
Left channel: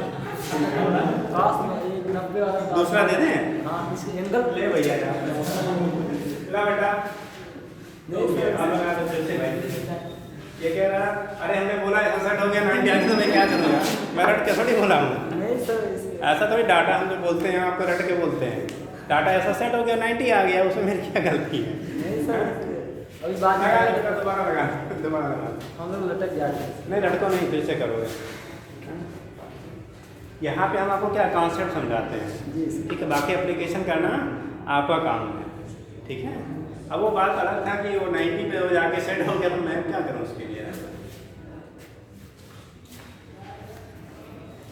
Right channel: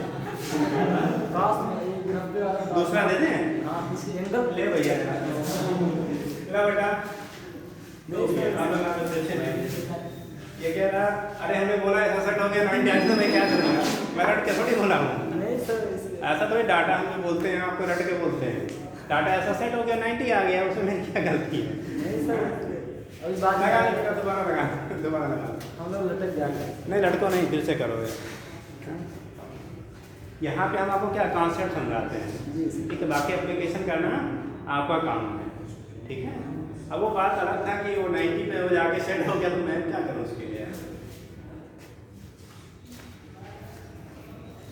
खास में ये 90 वाला दूसरा दे दें। हाँ, इसकी एंगल ले भैया यार, ला बेटा ये कह रहा, अरे हमने बोला ऐसा सेट हो गया 90 तो मैं क्या करूँगा, मैं रट के थोड़ी बोला हूँ। नहीं सर, ऐसा तो डाटा हम जो बोलते हैं आपको रट के बोलते हैं। डाटा ऐसा सेट हो गया 90 आ गया, उसमें मेरी क्या गलती है। नहीं सर, अभी बात लगा बेटा, दोबारा लगा, दोबारा लगा। हम लोग लटक जाते नहीं रट को नहीं, फिर से करोगे। यहाँ पे हम आपको क्या कॉन्सेप्ट समझाते हैं, जी। ठीक है, बाकी एप्लीकेशन करना आपका काम है। ठीक है, अब वो बात अलग था कि वो 90 पे हो जाके सेट हो गया तो मैं क्या करूँ उसके लिए।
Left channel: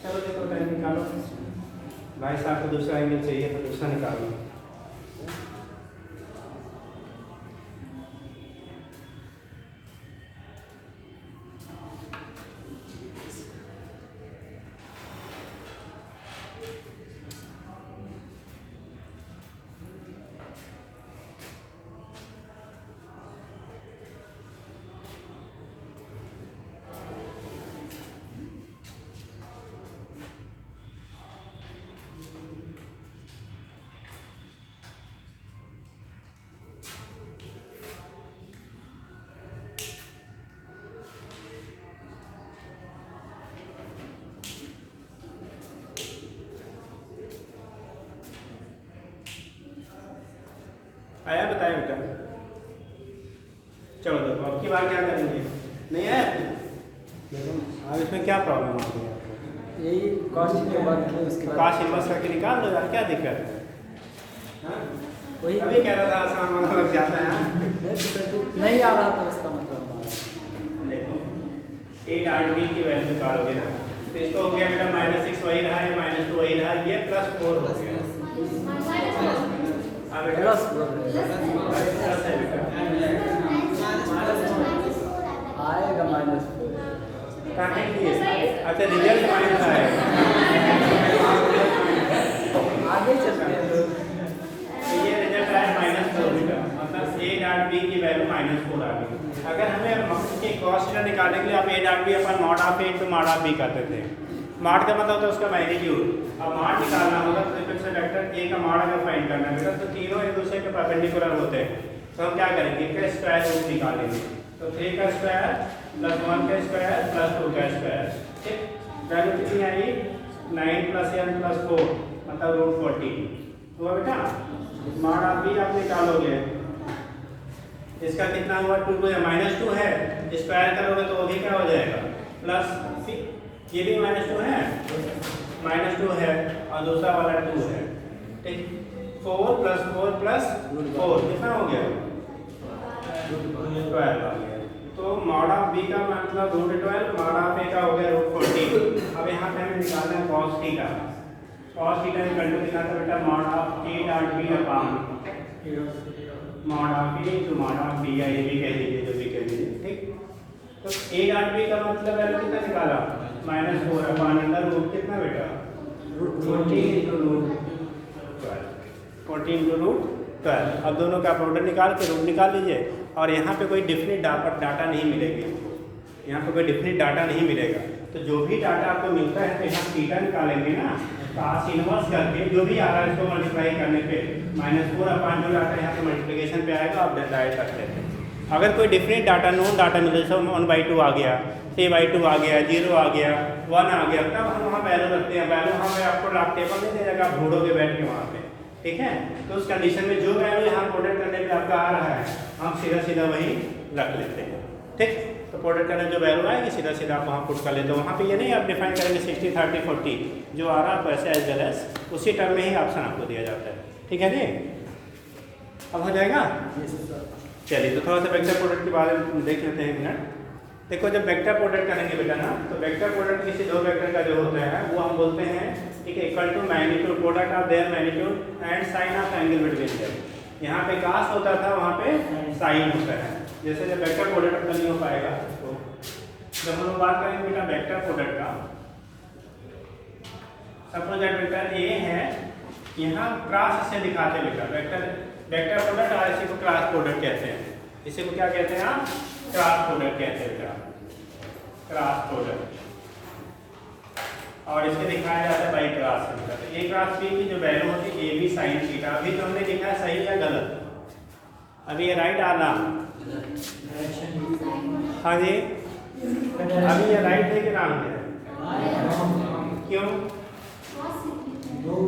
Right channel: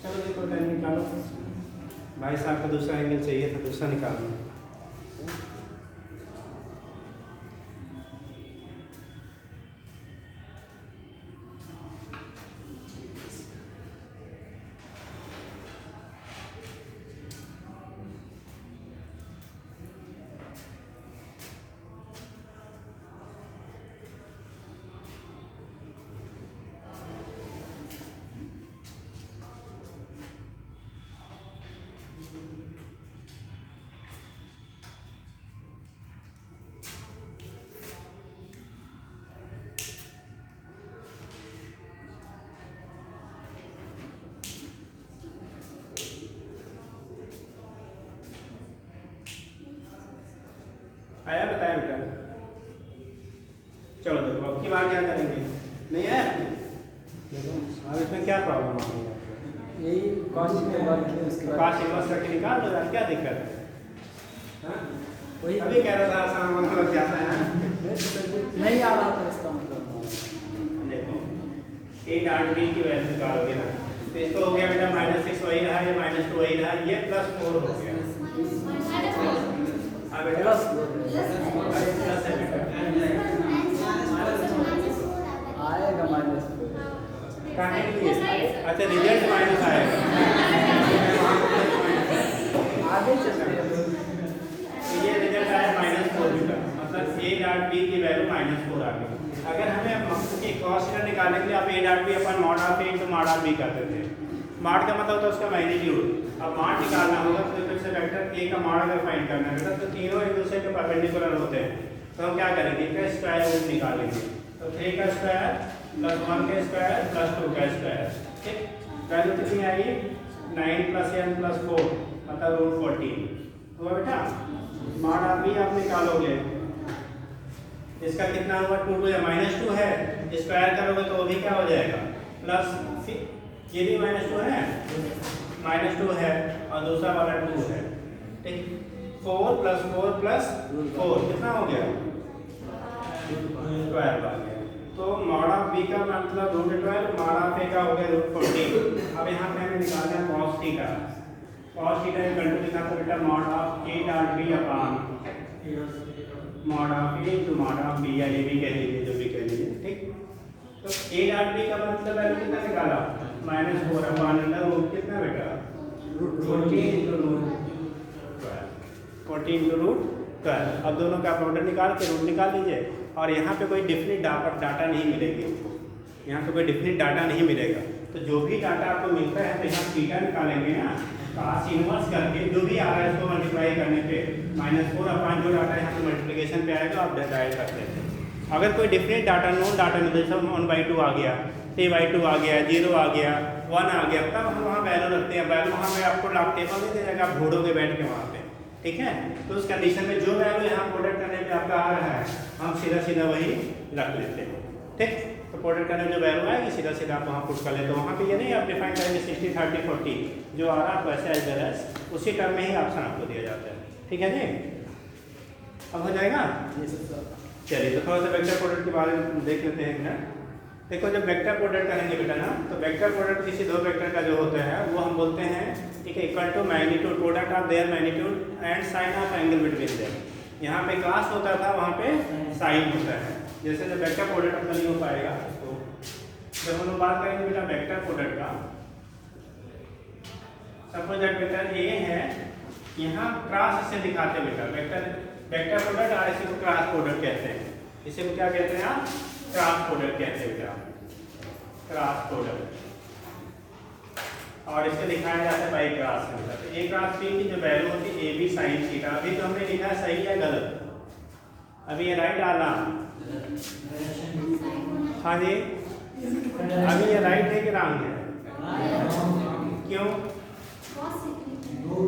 चलो जी, तो टाइम निकालो। भाई साहब को दूसरा एंगल चाहिए तो दूसरा निकालो। आया बताया बेटा। चलो देखो अब की बार क्या करेंगे, नहीं आया अब इसमें क्या प्रॉब्लम आ रही है आपको। यही कॉस्ट के बाद उसके बाद काश इन्वेस्ट करके निकाल दो यार, क्या दिक्कत है। हाँ? वही अभी कह रहा था आसान मतलब जाता है। नहीं आ रहा था इसका मतलब हमारा। देखो 8 की वैल्यू निकालोगे ना, तो इसको हो गया बेटा -6 वही रहा, ये -2 वही रहा, ये +4 हो गया। प्लस आएगा -4 अच्छा रिजल्ट माइनस आएगा। आगे चलते हैं। तो ये रिजल्ट आया -4 बेटा, मतलब डॉट बी की वैल्यू -4 आ गई। अगर हमें उसकी कॉस थीटा निकालने के लिए आप A dot B upon mod of A into mod of B करते थे। मॉड का मतलब होता है उसका मैग्नीट्यूड। अब मॉड निकालना होगा तो फिर से वेक्टर ए का मॉड अगर फाइंड करना है बेटा, तो तीनों एक दूसरे के परपेंडिकुलर होते हैं, तो हम क्या करेंगे इसका स्क्वायर रूट निकालेंगे। तो 3 का स्क्वायर प्लस 1 का स्क्वायर प्लस 2 का स्क्वायर, ठीक। वैल्यू कितनी आई 9 + n + 4 मतलब √14 हुआ बेटा। मॉड आप भी आप निकालोगे, इसका कितना हुआ 2 -2 है, स्क्वायर करोगे तो वो भी क्या हो जाएगा प्लस, ये भी -2 है, -2 है और दूसरा वाला 2 है, ठीक। 4 + 4 + 4 कितना हो गया 12 आ गया। तो मॉड ऑफ बी का मतलब √12, मॉड ऑफ ए का हो गया √14। अब यहाँ पे हमें निकालना है कॉस थीटा। कॉस थीटा में कंट्रोल कितना था बेटा mod of A dot B upon mod of A into mod of B, या ए भी कह लीजिए जो भी कह लीजिए, ठीक। तो ए डॉट बी का मतलब वैल्यू कितना निकाला -4 अपॉन अंडर रूट कितना बेटा 14 इंटू √12, 14 इंटू √12। अब दोनों का प्रोडक्ट निकाल के रूट निकाल लीजिए। और यहाँ पे कोई डिफिनिट डाटा नहीं मिलेगी आपको, यहाँ पे कोई डिफिनिट डाटा नहीं मिलेगा। तो जो भी डाटा आपको मिलता है तो यहाँ थीटा निकालेंगे ना, कास इनवर्स करके जो भी आ रहा है इसको मल्टीप्लाई करने पे -4 अपॉन जो डाटा यहाँ पे मल्टीप्लिकेशन पे आएगा आप डायरेक्ट कर लेते हैं। अगर कोई डिफिनिट डाटा नोन डाटा मिले, जैसे 1/2 आ गया, 3/2 आ गया, 0 आ गया, 1 आ गया, तब हम वहाँ वैल्यू रखते हैं। वैल्यू वहाँ पे आपको ड्राफ्ट टेबल में दे देगा, आप ढूंढोगे बैठ के वहाँ पे, ठीक है। तो उस कंडीशन में जो वैल्यू यहाँ प्रोडक्ट करने पे आपका आ रहा है हम सीधा सीधा वही रख लेते हैं, ठीक। तो प्रोडक्ट करने जो वैल्यू आएगी सीधा सीधा आप वहाँ पुट कर लेते हो। वहाँ पे ये नहीं आप डिफाइन करेंगे 60 30 40 जो आ रहा है वैसे एज वेल एज उसी टर्म में ही ऑप्शन आपको दिया जाता है, ठीक है जी। अब हो जाएगा, चलिए तो थोड़ा सा वेक्टर प्रोडक्ट के बारे में देख लेते हैं एक मिनट। देखो जब वेक्टर प्रोडक्ट करेंगे बेटा ना, तो वेक्टर प्रोडक्ट किसी दो वेक्टर का जो होते हैं वो हम बोलते हैं, ठीक है, equal to magnitude product of their magnitude and sine of angle between them. यहाँ पे कास होता था, वहाँ पे साइन होता है। जैसे जब वेक्टर प्रोडक्ट अपना नहीं हो पाएगा, तो जब हम लोग बात करेंगे बेटा वेक्टर प्रोडक्ट का, सपोज दैट वेक्टर ए है, यहाँ क्रॉस से दिखाते हैं बेटा वेक्टर प्रोडक्ट, और इसी को क्रॉस प्रोडक्ट कहते हैं। इसे को क्या कहते हैं आप क्रॉस प्रोडक्ट कहते हैं बेटा, क्रॉस प्रोडक्ट। और इससे दिखाया जाता है बाई क्रॉस से। तो ए क्रॉस बी की जो वैल्यू होती है ए बी साइन थीटा। अभी तो हमने लिखा है सही या गलत, अभी ये राइट आना, हाँ जी, अभी ये राइट है कि रॉन्ग है, क्यों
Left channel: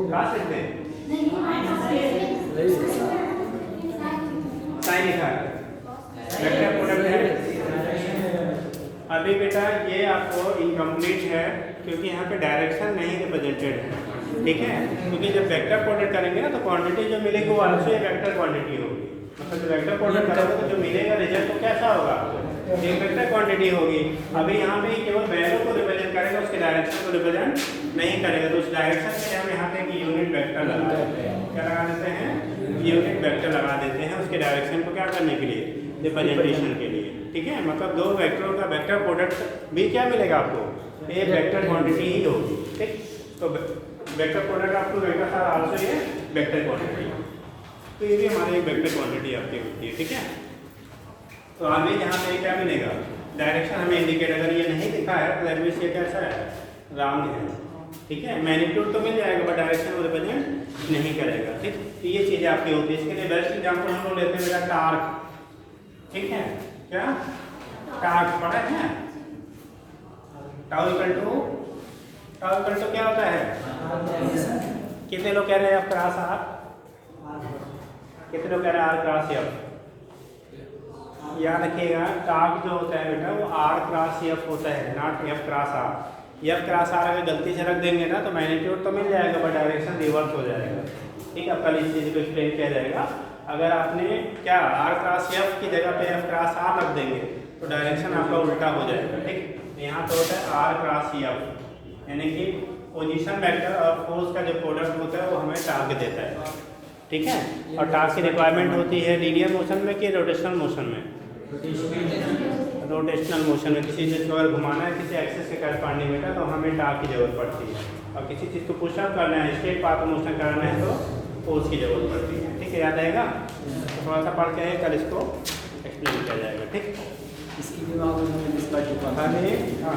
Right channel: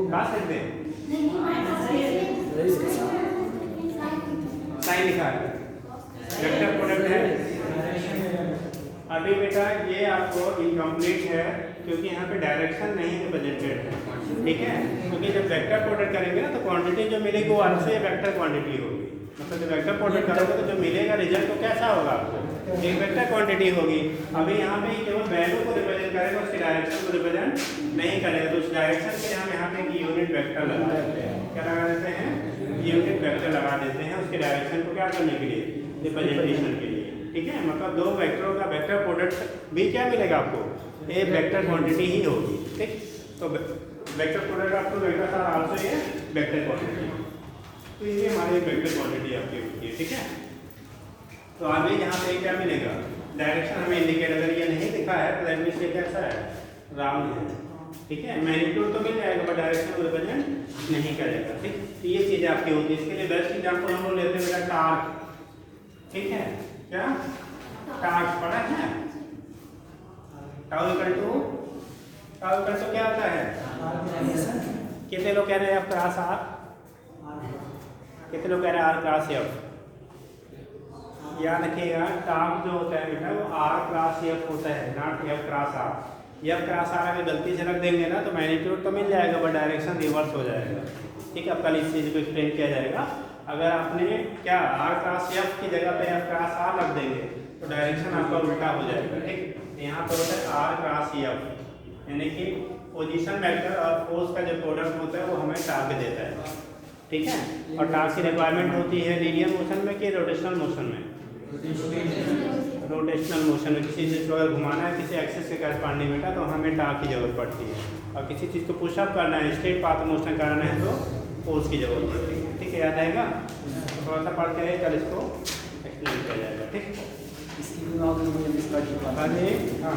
क्रॉस लिखते हैं, साइन लिखा है, वेक्टर प्रोडक्ट है। अभी बेटा ये आपको इनकम्प्लीट है क्योंकि यहाँ पे डायरेक्शन नहीं रिप्रेजेंटेड है, ठीक है। क्योंकि जब वेक्टर प्रोडक्ट करेंगे ना तो क्वांटिटी जो मिलेगी वो आल्सो एक वेक्टर क्वांटिटी होगी। मतलब वेक्टर प्रोडक्ट करोगे तो जो मिलेगा रिजल्ट तो कैसा होगा, एक वेक्टर क्वांटिटी होगी। अभी यहाँ पे केवल वैल्यू को रिप्रेजेंट करेगा, उसके डायरेक्शन को रिप्रेजेंट नहीं करेगा। तो उस डायरेक्शन के लिए हम यहाँ पे एक यूनिट वेक्टर लगा देते हैं। क्या लगा देते हैं, यूनिट वेक्टर लगा देते हैं उसके डायरेक्शन को क्या करने के लिए, रिप्रेजेंटेशन के लिए, ठीक है। मतलब दो वेक्टरों का वेक्टर प्रोडक्ट भी क्या मिलेगा आपको, एक वेक्टर क्वांटिटी ही होगी, ठीक। तो वेक्टर प्रोडक्ट आपको वेक्टर सार आल्सो ये वेक्टर क्वांटिटी, तो ये भी हमारी वेक्टर क्वांटिटी आपकी होती है, ठीक है। तो आगे जहाँ पे क्या मिलेगा, डायरेक्शन हमें इंडिकेट, अगर ये नहीं दिखा है तो दैट मींस ये कैसा है, रॉन्ग है, ठीक है। मैग्नीट्यूड तो मिल जाएगा पर डायरेक्शन को रिप्रेजेंट नहीं करेगा, ठीक। तो ये चीज़ें आपकी होती है। इसके लिए बेस्ट एग्जाम्पल हम लोग लेते हैं बेटा टार्क, ठीक है। क्या टार्क पढ़ा है, टाउ इक्वल टू क्या होता है, कितने लोग कह रहे हैं आप क्रॉस आर, कितने लोग कह रहे हैं आर क्रॉस एफ। याद रखिएगा टार्क जो होता है बेटा वो आर क्रॉस एफ होता है, not F cross R. F cross R अगर गलती से रख देंगे ना तो मैग्नीट्यूड तो मिल जाएगा पर डायरेक्शन रिवर्स हो जाएगा, ठीक है। अब कल इस चीज़ को एक्सप्लेन किया जाएगा। अगर आपने क्या आर क्रॉस एफ की जगह पे एफ क्रॉस आर रख देंगे तो डायरेक्शन आपका उल्टा हो जाएगा, ठीक। यहाँ पर होता है आर क्रॉस एफ, यानी कि पोजीशन वेक्टर और फोर्स का जो प्रोडक्ट होता है वो हमें टार्क देता है, ठीक है। और टार्क की रिक्वायरमेंट होती है लीनियर मोशन में कि रोटेशनल मोशन में, रोटेशनल मोशन में। किसी चीज़ को अगर घुमाना है किसी एक्सिस के करस्पॉन्डिंग में तो हमें टार्क की जरूरत पड़ती है। और किसी चीज़ को पुशअप करना है, स्ट्रेट पाथ मोशन करना है तो फोर्स की जरूरत पड़ती है, ठीक है। याद आएगा। तो थोड़ा सा पढ़ के कल इसको एक्सप्लेन किया जाएगा, ठीक। इसके लिए आप मुझे डिस्कस हाँ जी, हाँ